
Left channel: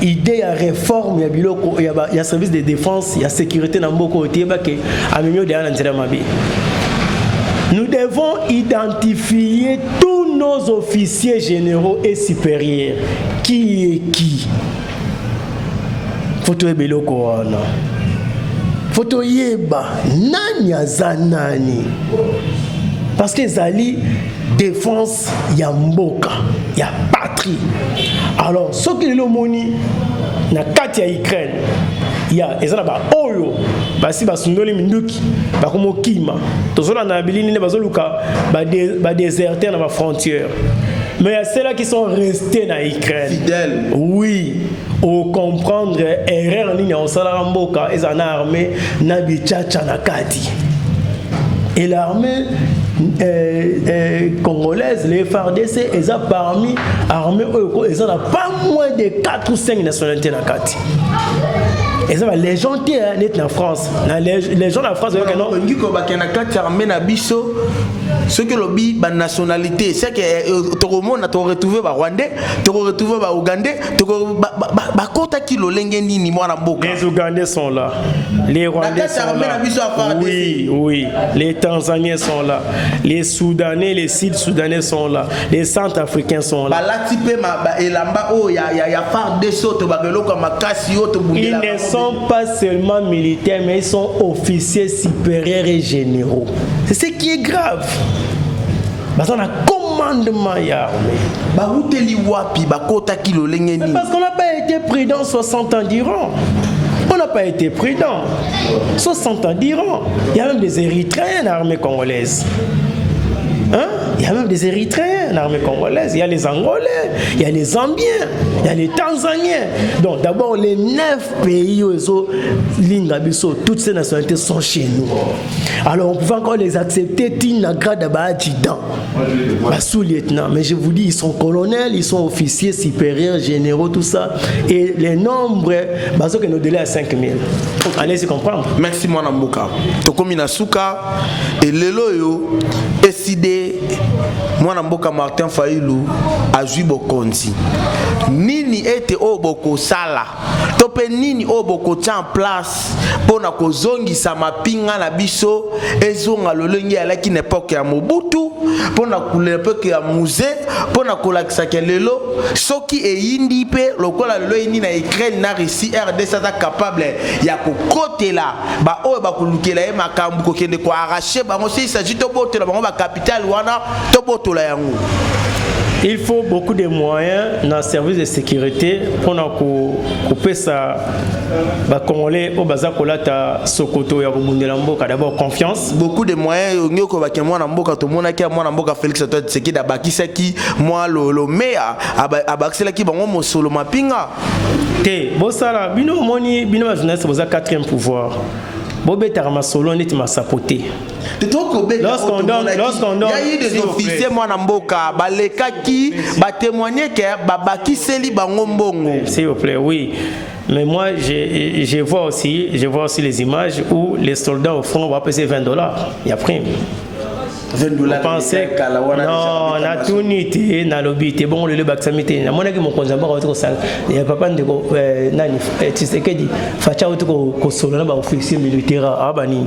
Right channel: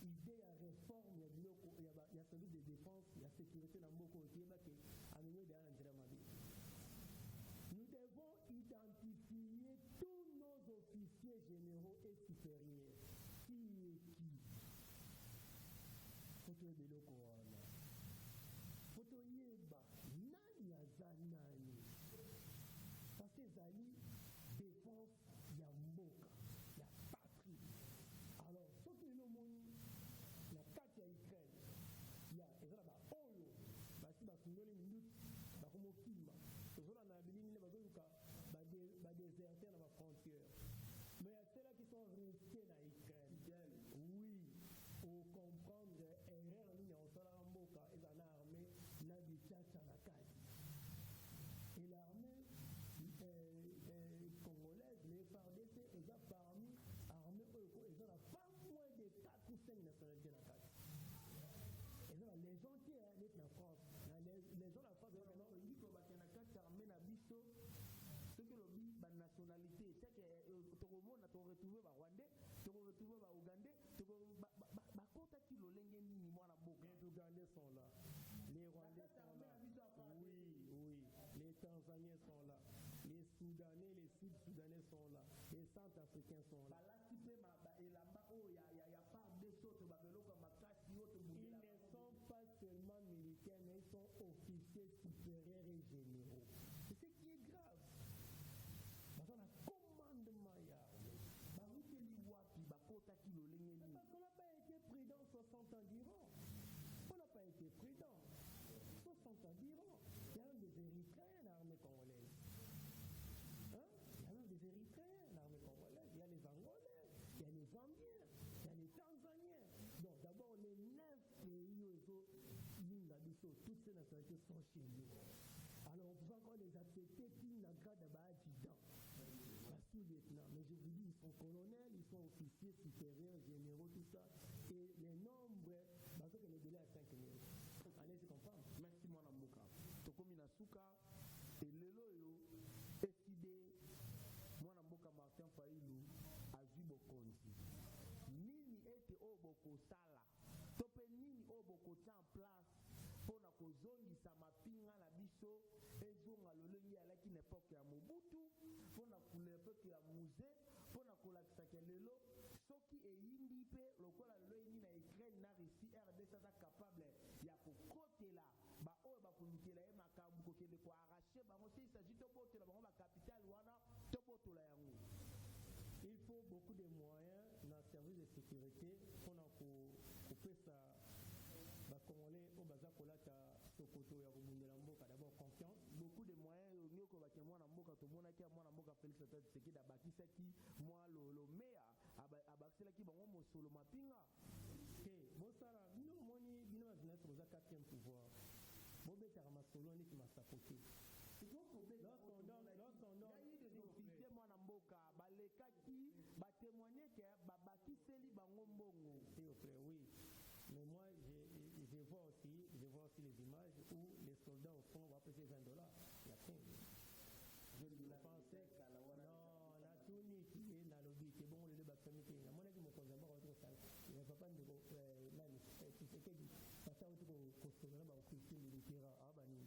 idée ya réforme ya biloko ya service de défense, ya sécurité na mboko otieba ke amemio de anantera mabi. Nous devons identifier tous nos officiers généraux et supérieurs. Qui est qui? Faut tout biloko wana. Faut tout yeba nani azanani. Parce que zali défense ya mboka, ya patrie. Alors, ce qui est le moni na kati ya Ukraine, ya ezala ba oyo basi basundoli minduki bakomo kima tozola na bilini ne bazoluka ba déserter na ba frontière. Mais il y a ceux-là qui sont restés dans Ukraine. Fidèles. Oui. Au comprendre erreur ni na osala mboka ezana armée na bichacha na kati. Et l'armée congolaise, les FARDC, ils ont parmi armées, ils ont pas moins de 4 ou 5 nationalités dans la carte. Et ça va les gens qui sont en France, les gens en France, non. Ce que l'objet la nationalité, c'est que tout le monde a retrouvé les Rwandais, tout retrouvé les Ougandais, les Ougandais sont là, les Rwandais sont là, oui, les Tanzaniens sont là, les Soudanais, les Sud-Soudanais sont là, les Centrafricains sont là. Ils ne sont pas seulement militaires, mais ils sont officiers supérieurs et généraux. C'est ce qui est grave. Parce qu'on a commandement et armée. Mais parce qu'on n'a pas été prudent 60 ans d'Iran. On n'a pas été prudent. 60 ans d'Iran. Il y a même des Érythréens dans l'armée congolaise. Hein? Il y a même des Érythréens dans l'armée congolaise. Il y a les Angolais, il y a les Zambiens, il y a les Tanzaniens. Donc d'abord les 9 pays où toutes ces nationalités sont chez nous. Alors on pouvait encore les accepter, sous-lieutenant. Mais je vous dis, ils sont colonels, ils sont officiers supérieurs, généraux, tout ça. Et les nombres, que nous délais à 5000. Allez-y comprendre. Merci mon Mboka. Tokomi Nasuka et Leloyo décidé mon Mboka Martin Fayulu a joué Bokonzi. Nini était au Boko Sala. Topé nini au Boko tient en place pour na kozongi sa mapinga na biso ezonga lolenge à l'époque époque ya Mobutu pour na l'époque ya musée pour na kolakisa kelelo soki e yindi pe lokola lelo yindi na Ukraine na Russie RDC ta capable ya ko kotela ba o ba kulukela e makambu ko kende ko arracher bango si s'agit to botela bango ba capital wana to botola yango. Il faut beaucoup de moyens dans le service de sécurité pour couper ça. Congolais au Bazakolata Sokoto et Mboka. D'abord confiance. Beaucoup de moyens. Nyoko bakemwa na mboka to monaki mwa na mboka Félix Antoine Tshisekedi abakisaki mwa lo mea abakiselaki bango mosolo mapinga. Te bosala bino moni bino ba journaliste boza 4e pouvoir. Bobeta Ramasolo neti ma sapoté. Lorsqu'on donne, il y a eu des officiers moi na mboka balekaki ba témoigner que babaki seli bango mbongo. S'il vous plaît, oui. Mais moi je vois aussi les images où les soldats au front vont passer $20. Il y a prime. $20 pensez non na tunité na lobité bon le baksamité na monaki mon konzamba ko ça il y a papa ndeko nani Tshisekedi facha utuko ko solo na ba officier militaire abani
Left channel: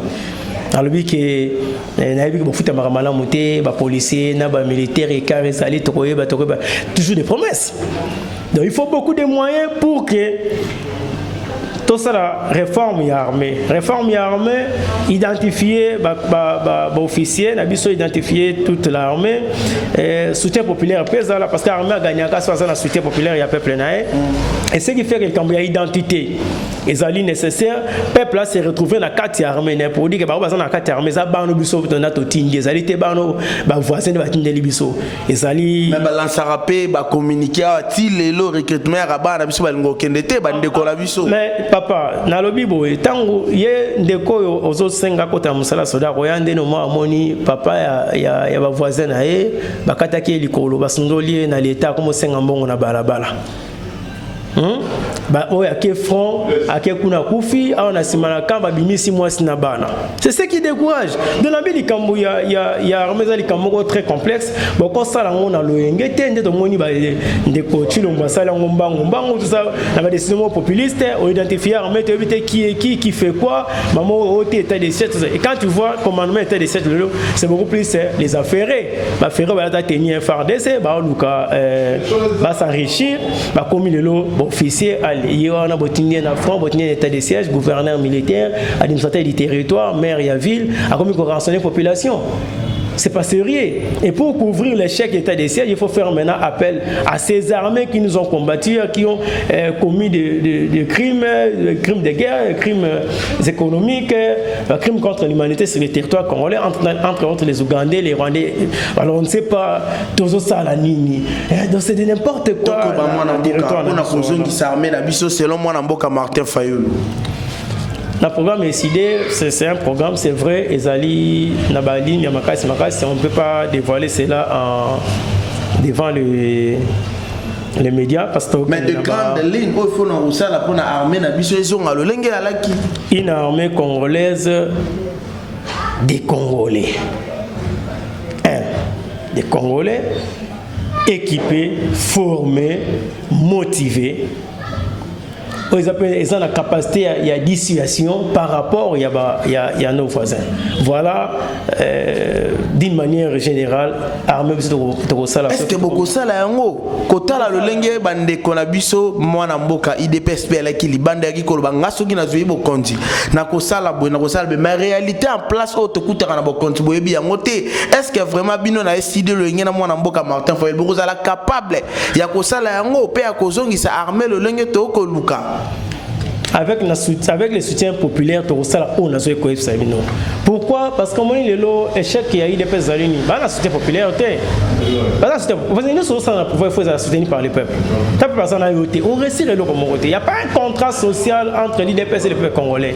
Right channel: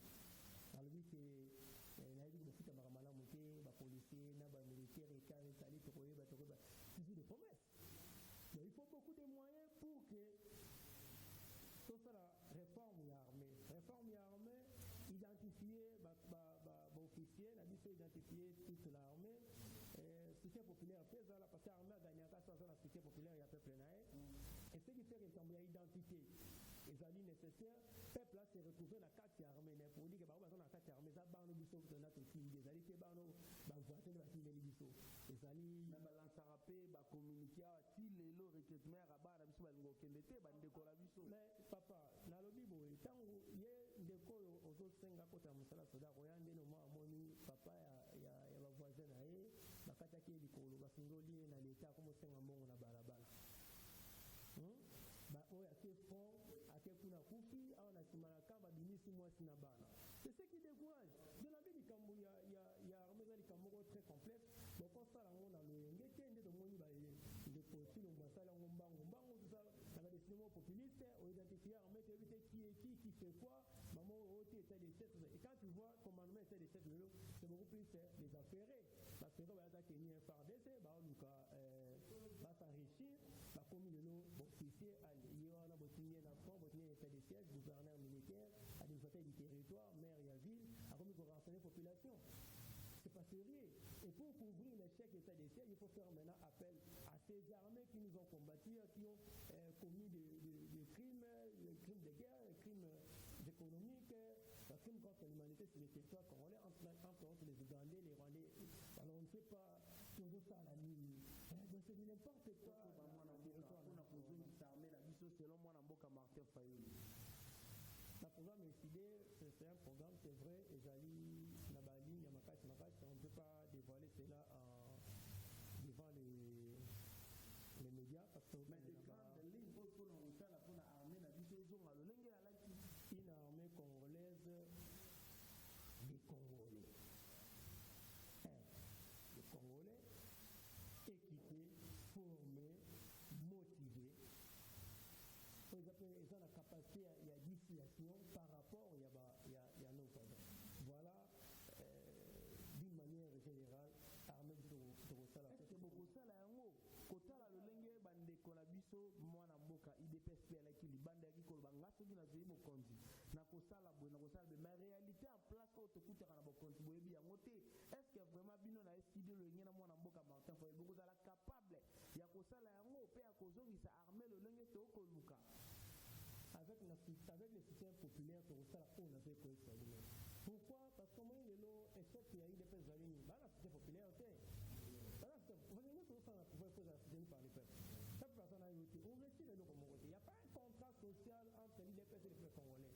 alobi ke na yebi ko futa makamala muté ba policier na ba militaire et carré sali to koyeba toujours des promesses. Donc il faut beaucoup de moyens pour que tout ça la réforme et armée. Réforme et armée, identifier officier, n'abisso identifier toute l'armée, soutien populaire pèse là parce que l'armée a gagné à 60 soutien populaire il y a peuple naé. Et ce qui fait que quand il y a identité, les alliés nécessaires, peuple là s'est retrouvé dans la carte armée pour dire que bah dans la carte armée ça ba no biso to na to tingi, les alliés te ba no ba voisin de ba tindeli biso. Les alliés même lansarapé ba communiquer ti lelo recrutement rabat na biso ba ngokendete ba ndeko la biso. Mais Papa, nalobi boye tango ye ndeko ozo senga kota musala soda koyande no mwa moni papa ya ba voisin na ye bakataki likolo basundoli na leta komo senga mbongo na balabala. Ba oya ke front ake kuna kufi a on a simana kamba bimisi mwasi na bana. C'est ce qui décourage. Dans la vie likambo ya armeza likambo très complexe. Bon quand ça la on a loyenge te ndeto moni ba ndeko chilo mbasala ngombango tout ça na ba décision populiste on identifier armée te éviter qui fait quoi maman au état des sièges et quand tu vois commandement état des sièges c'est beaucoup plus les affairés ba ferré ba ta tenir FARDC ba luka ba s'enrichir ba commis le lot officier il y a un botinier en France, botinier d'état de siège, gouverneur militaire, administrateur du territoire, maire et ville, a commis qu'on rançonner la population. C'est pas sérieux. Et pour couvrir l'échec d'état de siège, il faut faire maintenant appel à ces armées qui nous ont combattus, qui ont commis des crimes de guerre, des crimes économiques, des crimes contre l'humanité sur le territoire congolais, entre autres les Ougandais, les Rwandais. Alors on ne sait pas, tous ça la nini. Donc c'est de n'importe quoi. Selon moi, Martin Fayoulou. Le programme est décidé, c'est un programme, c'est vrai, Ezali, Nabali, Yamakasi, on ne peut pas dévoiler cela devant les médias. Parce que mais de grandes lignes, il faut nous ça pour l'armée, une armée congolaise des Congolais. Des Congolais équipés, formés, motivés. Ils ont la capacité à dissuasion par rapport à nos voisins. Voilà, d'une manière générale, armée est-ce que beaucoup ça là kota la lolenge bande konabiso mwana mboka IDPS la ki libande ki ko banga soki na zuibo konti na ko sala bo na ko sala mais réalité en place auto kutaka na bo konti bo yebi yango te est-ce que vraiment bino na décidé le ngena mwana mboka Martin Fayulu bo la capable ya ko sala yango pe ya ko zongisa armée lolenge to ko luka avec les soutiens populaires, pourquoi? Parce que moi, l'échec qu'il y a eu des peuples alliés, le soutien populaire, nous sommes soutenus par les peuples. On réussit le côté. Il n'y a pas un contrat social entre l'IDPS et les peuples congolais.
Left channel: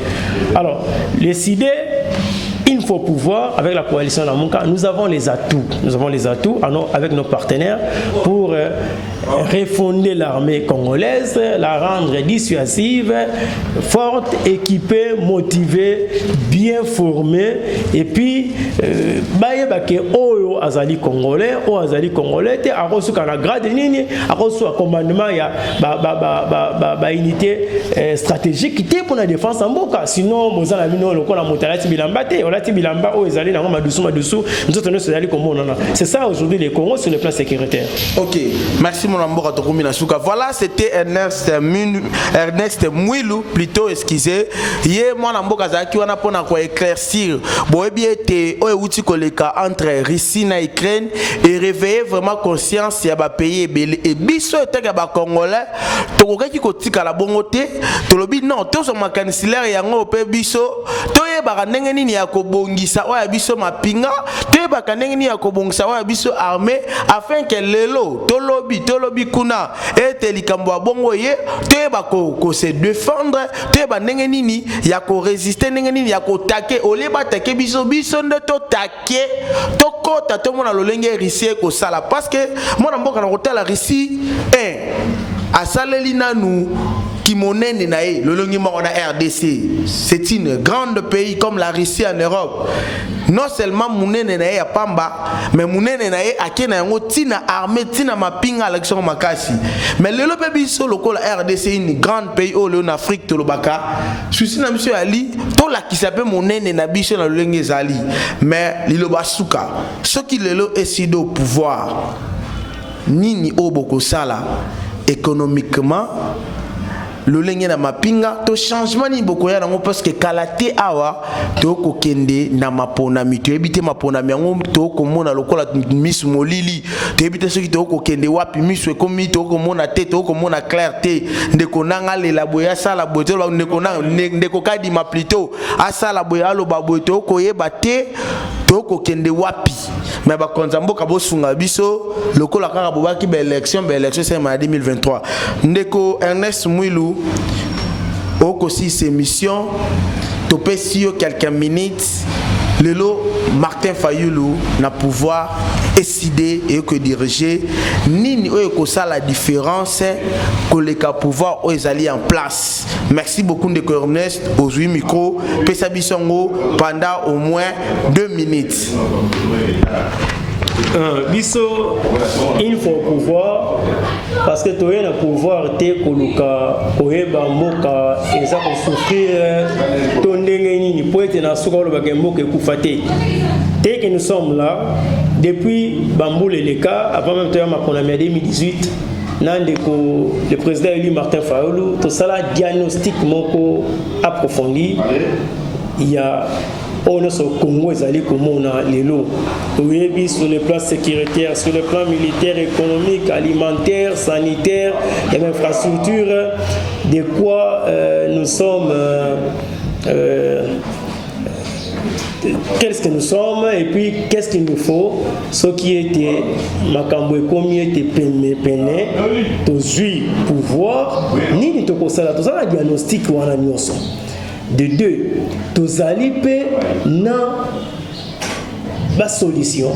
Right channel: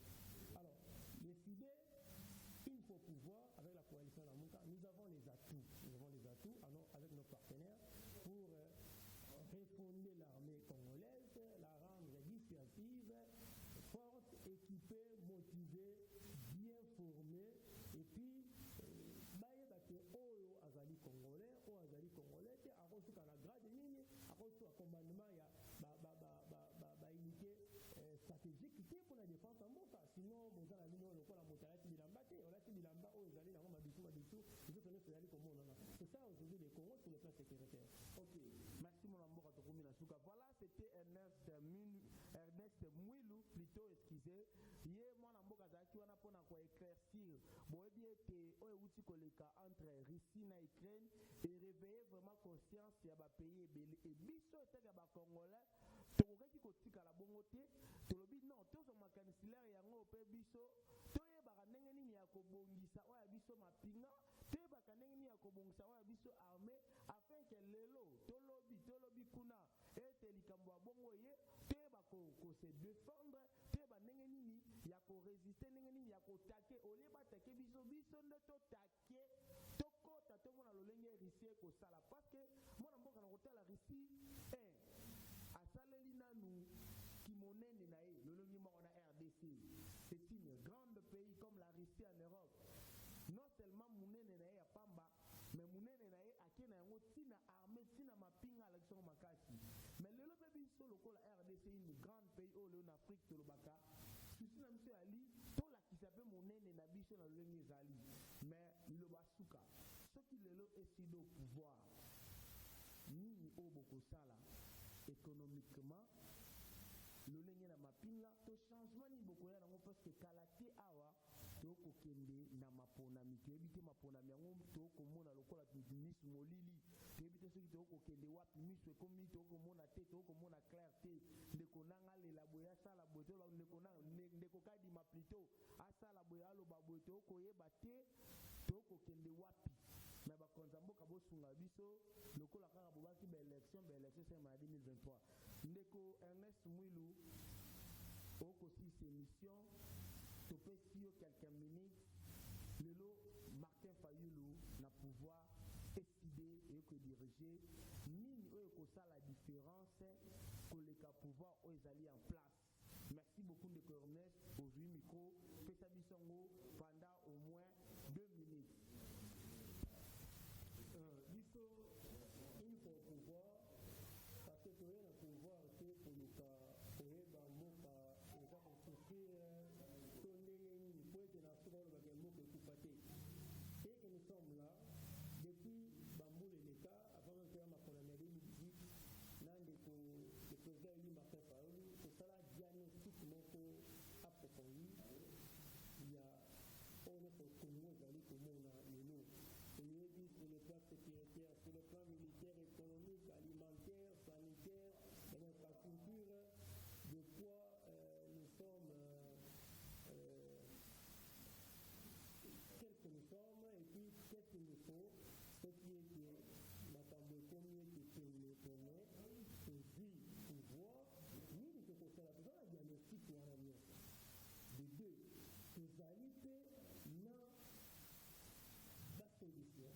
Alors, les idées, il faut pouvoir, avec la coalition Namunka, nous avons les atouts. Nous avons les atouts avec nos partenaires pour refonder l'armée congolaise, la rendre dissuasive, forte, équipée, motivée, bien formée. Et puis, Oyo Azali Congolais, te a reçu la grade nini, a reçu un commandement, il y a unité stratégique pour la défense en Boka. Sinon, nous avons la motalati bilambate, on a bilamba, oh, Azali, c'est ça aujourd'hui les Congos sur le plan sécuritaire. Ok, merci mon amour. Voilà, c'était Ernest Mouilou, plutôt, excusez. Hier, mon amour, Kazaki, on a pour éclaircir, entre Russie et Ukraine et réveiller vraiment conscience ya ba pays et biso etaka ba congolais to kokaki kotika la bongote to lobi non to so makanisulaire yango pe biso to yeba ndenge nini ya kobongisa oya biso mapinga to yeba ndenge nini ya kobongisa oya biso armée afin que lelo to lobi kuna ete likambo ya bongo ye to yeba ko se défendre to yeba ndenge nini ya ko résister ndenge nini ya ko taquer oleba taquer biso nde to taquer to kota to mona lolenge rissie ko sala parce que mona mboka na kotala Russie asaleli nanu kimonene na ye lolongi moko na RDC. C'est une grande pays comme la Russie en Europe. Non seulement munene na ye ya pamba mais munene na ye akena yango tina armée tina mapinga élection makasi mais lelo pe biso lokola RDC une grande pays au en Afrique to lobaka souci na monsieur Ali to la kisape munene na biso na lolenge zali mais liloba suka soki lelo esido pouvoir nini oboko sala économiquement le lenge na mapinga to changement ni bokoya nango parce que kalate awa to kokende na maponami to ebite maponami yango to komona lokola miss molili to ebite soki to kokende wapi miss ekomi to komona te to komona clarté ndeko nanga lela boya sala boto ndeko nanga ndeko kadi ma plutôt asala boya lo baboy to koyeba te to kokende wapi mais ba konza mboka bosunga biso lokola kaka bobaki ba élection c'est en 2023 ndeko Ernest Mouilou aussi ces missions topé sur quelques minutes lelo Martin Fayulu na pouvoir décider et que diriger nini oyo ça la différence que les cas pouvoir aux alliés en place. Merci beaucoup de Ernest aux 8 micros pesa bisongo pendant au moins 2 minutes. Biso il faut pouvoir parce que toi na pouvoir te koluka koyeba mboka eza ko souffrir to ndenge nini po ete na suka lo bakemboka ekufate te que nous sommes là depuis Bamboule les cas avant même temps ma en 2018 nandeko le président élu Martin Fayulu tout ça la diagnostic moko approfondi il y a on a ce Congo ezali komona lelo oyebi sur le plan sécuritaire, sur le plan militaire, économique, alimentaire, sanitaire et infrastructure de quoi nous sommes qu'est-ce que nous sommes et puis qu'est-ce qu'il nous faut ce qui était makambo ekomi était peine tozui pouvoir nini tokosala tozala diagnostic wana nyonso. De deux, tous alliés na la solution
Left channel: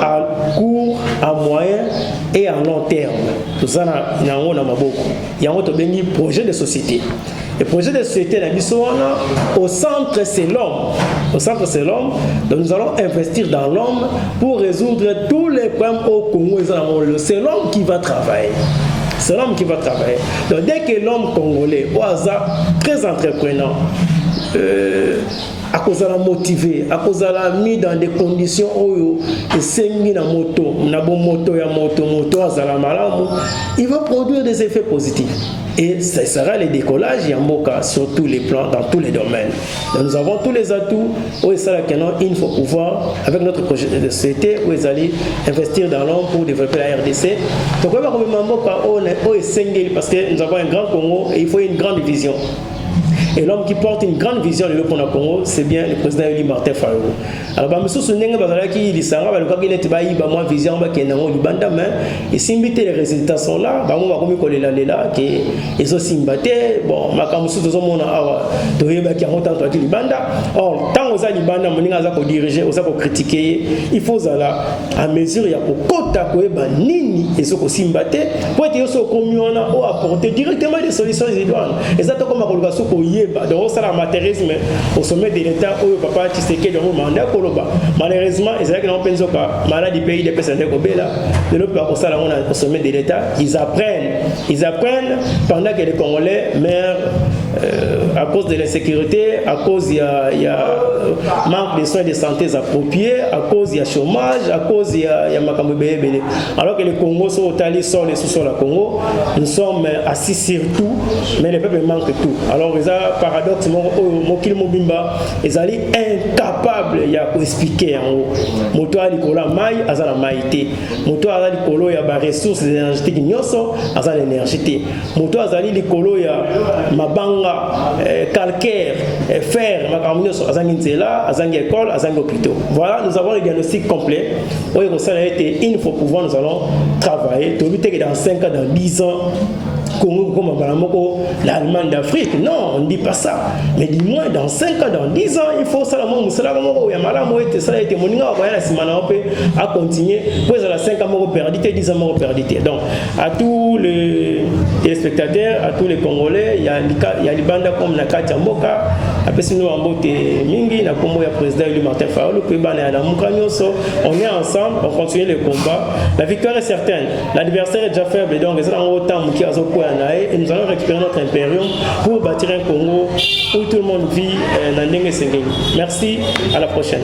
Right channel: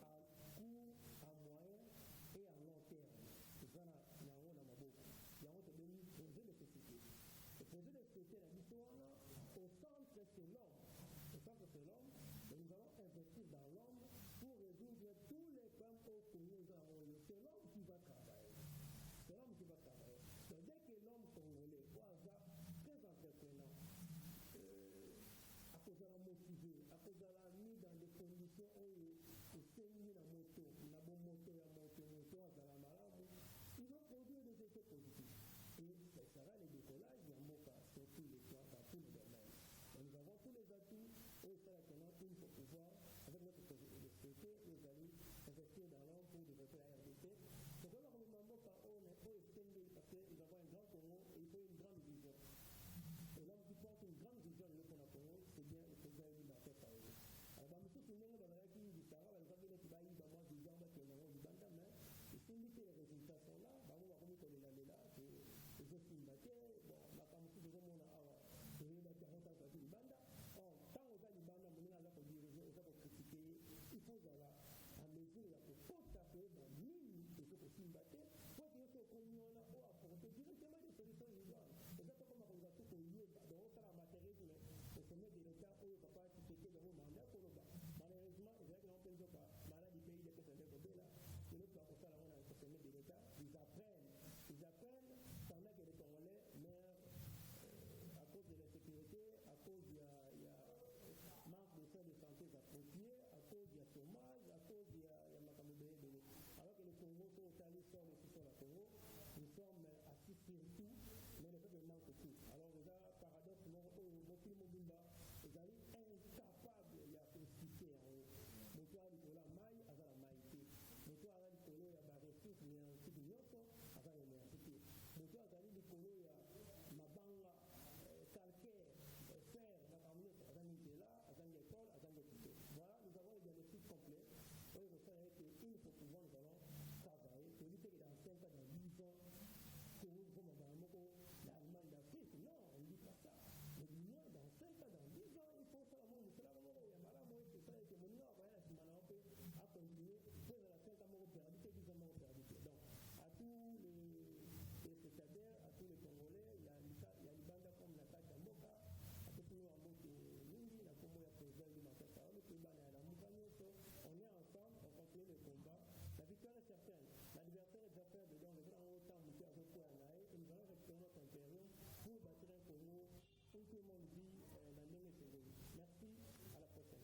à court, à moyen et à long terme. Tout ça na maboko. Il y a un projet de société. Le projet de société au centre c'est l'homme. Au centre c'est l'homme. Donc nous allons investir dans l'homme pour résoudre tous les problèmes au Congo. C'est l'homme qui va travailler. C'est l'homme qui va travailler. Donc dès que l'homme congolais, au hasard, très entreprenant, à cause de la motivé, à cause de la mis dans des conditions où il s'est mis dans moto, il va produire des effets positifs. Et ce sera le décollage Yamboka sur tous les plans, dans tous les domaines. Donc nous avons tous les atouts où il faut pouvoir, avec notre projet de société, où ils allaient investir dans l'homme pour développer la RDC. Donc parce que nous avons un grand Congo et il faut une grande vision. Et l'homme qui porte une grande vision de l'Europe Congo, c'est bien le président élu Martin Fayulu. Alors, je me souviens que il s'en va, il était moi vision qui est dans le banda, et si les résultats sont là, bah moi comme il est là, qui ils ont simbaté, bon, ma comme sous tout le monde a, tu vois qui a monté entre les banda. Or, tant aux ali banda, mon inga pour diriger, aux pour critiquer, il faut ça à mesure il y a pour kota quoi, bah nini, ils sont aussi simbaté, pour être aussi commun ou apporter directement des solutions idoines. Et ça comme ma colocation pour donc ça l'amateurisme au sommet de l'État où papa Tshisekedi dans le mandat koloba malheureusement ils avaient qu'on pense que malade du pays des personnes de Kobela de l'autre part ça là on a au sommet de l'État ils apprennent pendant que les Congolais meurent à cause de l'insécurité, à cause il y a manque de soins de santé appropriés, à cause il y a chômage, à cause il y a makambo belé. Alors que les Congos sont au tali sur les sous-sols à Congo, nous sommes assis sur tout, mais les peuples manquent tout. Alors ils ont paradoxe mokili mobimba, ils sont incapables il y a expliquer en haut. Moto ali kola mai azala maïté. Moto azali kolo ya ba ressources énergétiques nyonso azala énergété. Moto azali likolo ya mabanga calcaire, fer, azangi école, azangi hôpitaux. Voilà, nous avons le diagnostic complet. Il faut pouvoir, nous allons travailler. Dans 5 ans, dans 10 ans, comme l'Allemagne d'Afrique. Non, on ne dit pas ça. Mais du moins, dans 5 ans, dans 10 ans, il faut ça. À continuer. Pour les 5 ans, perdité, 10 ans, perdité. Donc, à tous les téléspectateurs, à tous les Congolais, il y a les bandes comme Nakati Amboka, après sinon Ambote Mingi, na Kombo ya président élu Martin Fayulu, on est ensemble, on continue le combat. La victoire est certaine. L'adversaire est déjà faible, donc nous allons autant et nous allons récupérer notre impérium pour bâtir un Congo où tout le monde vit dans Ndenge Sengeli. Merci, à la prochaine.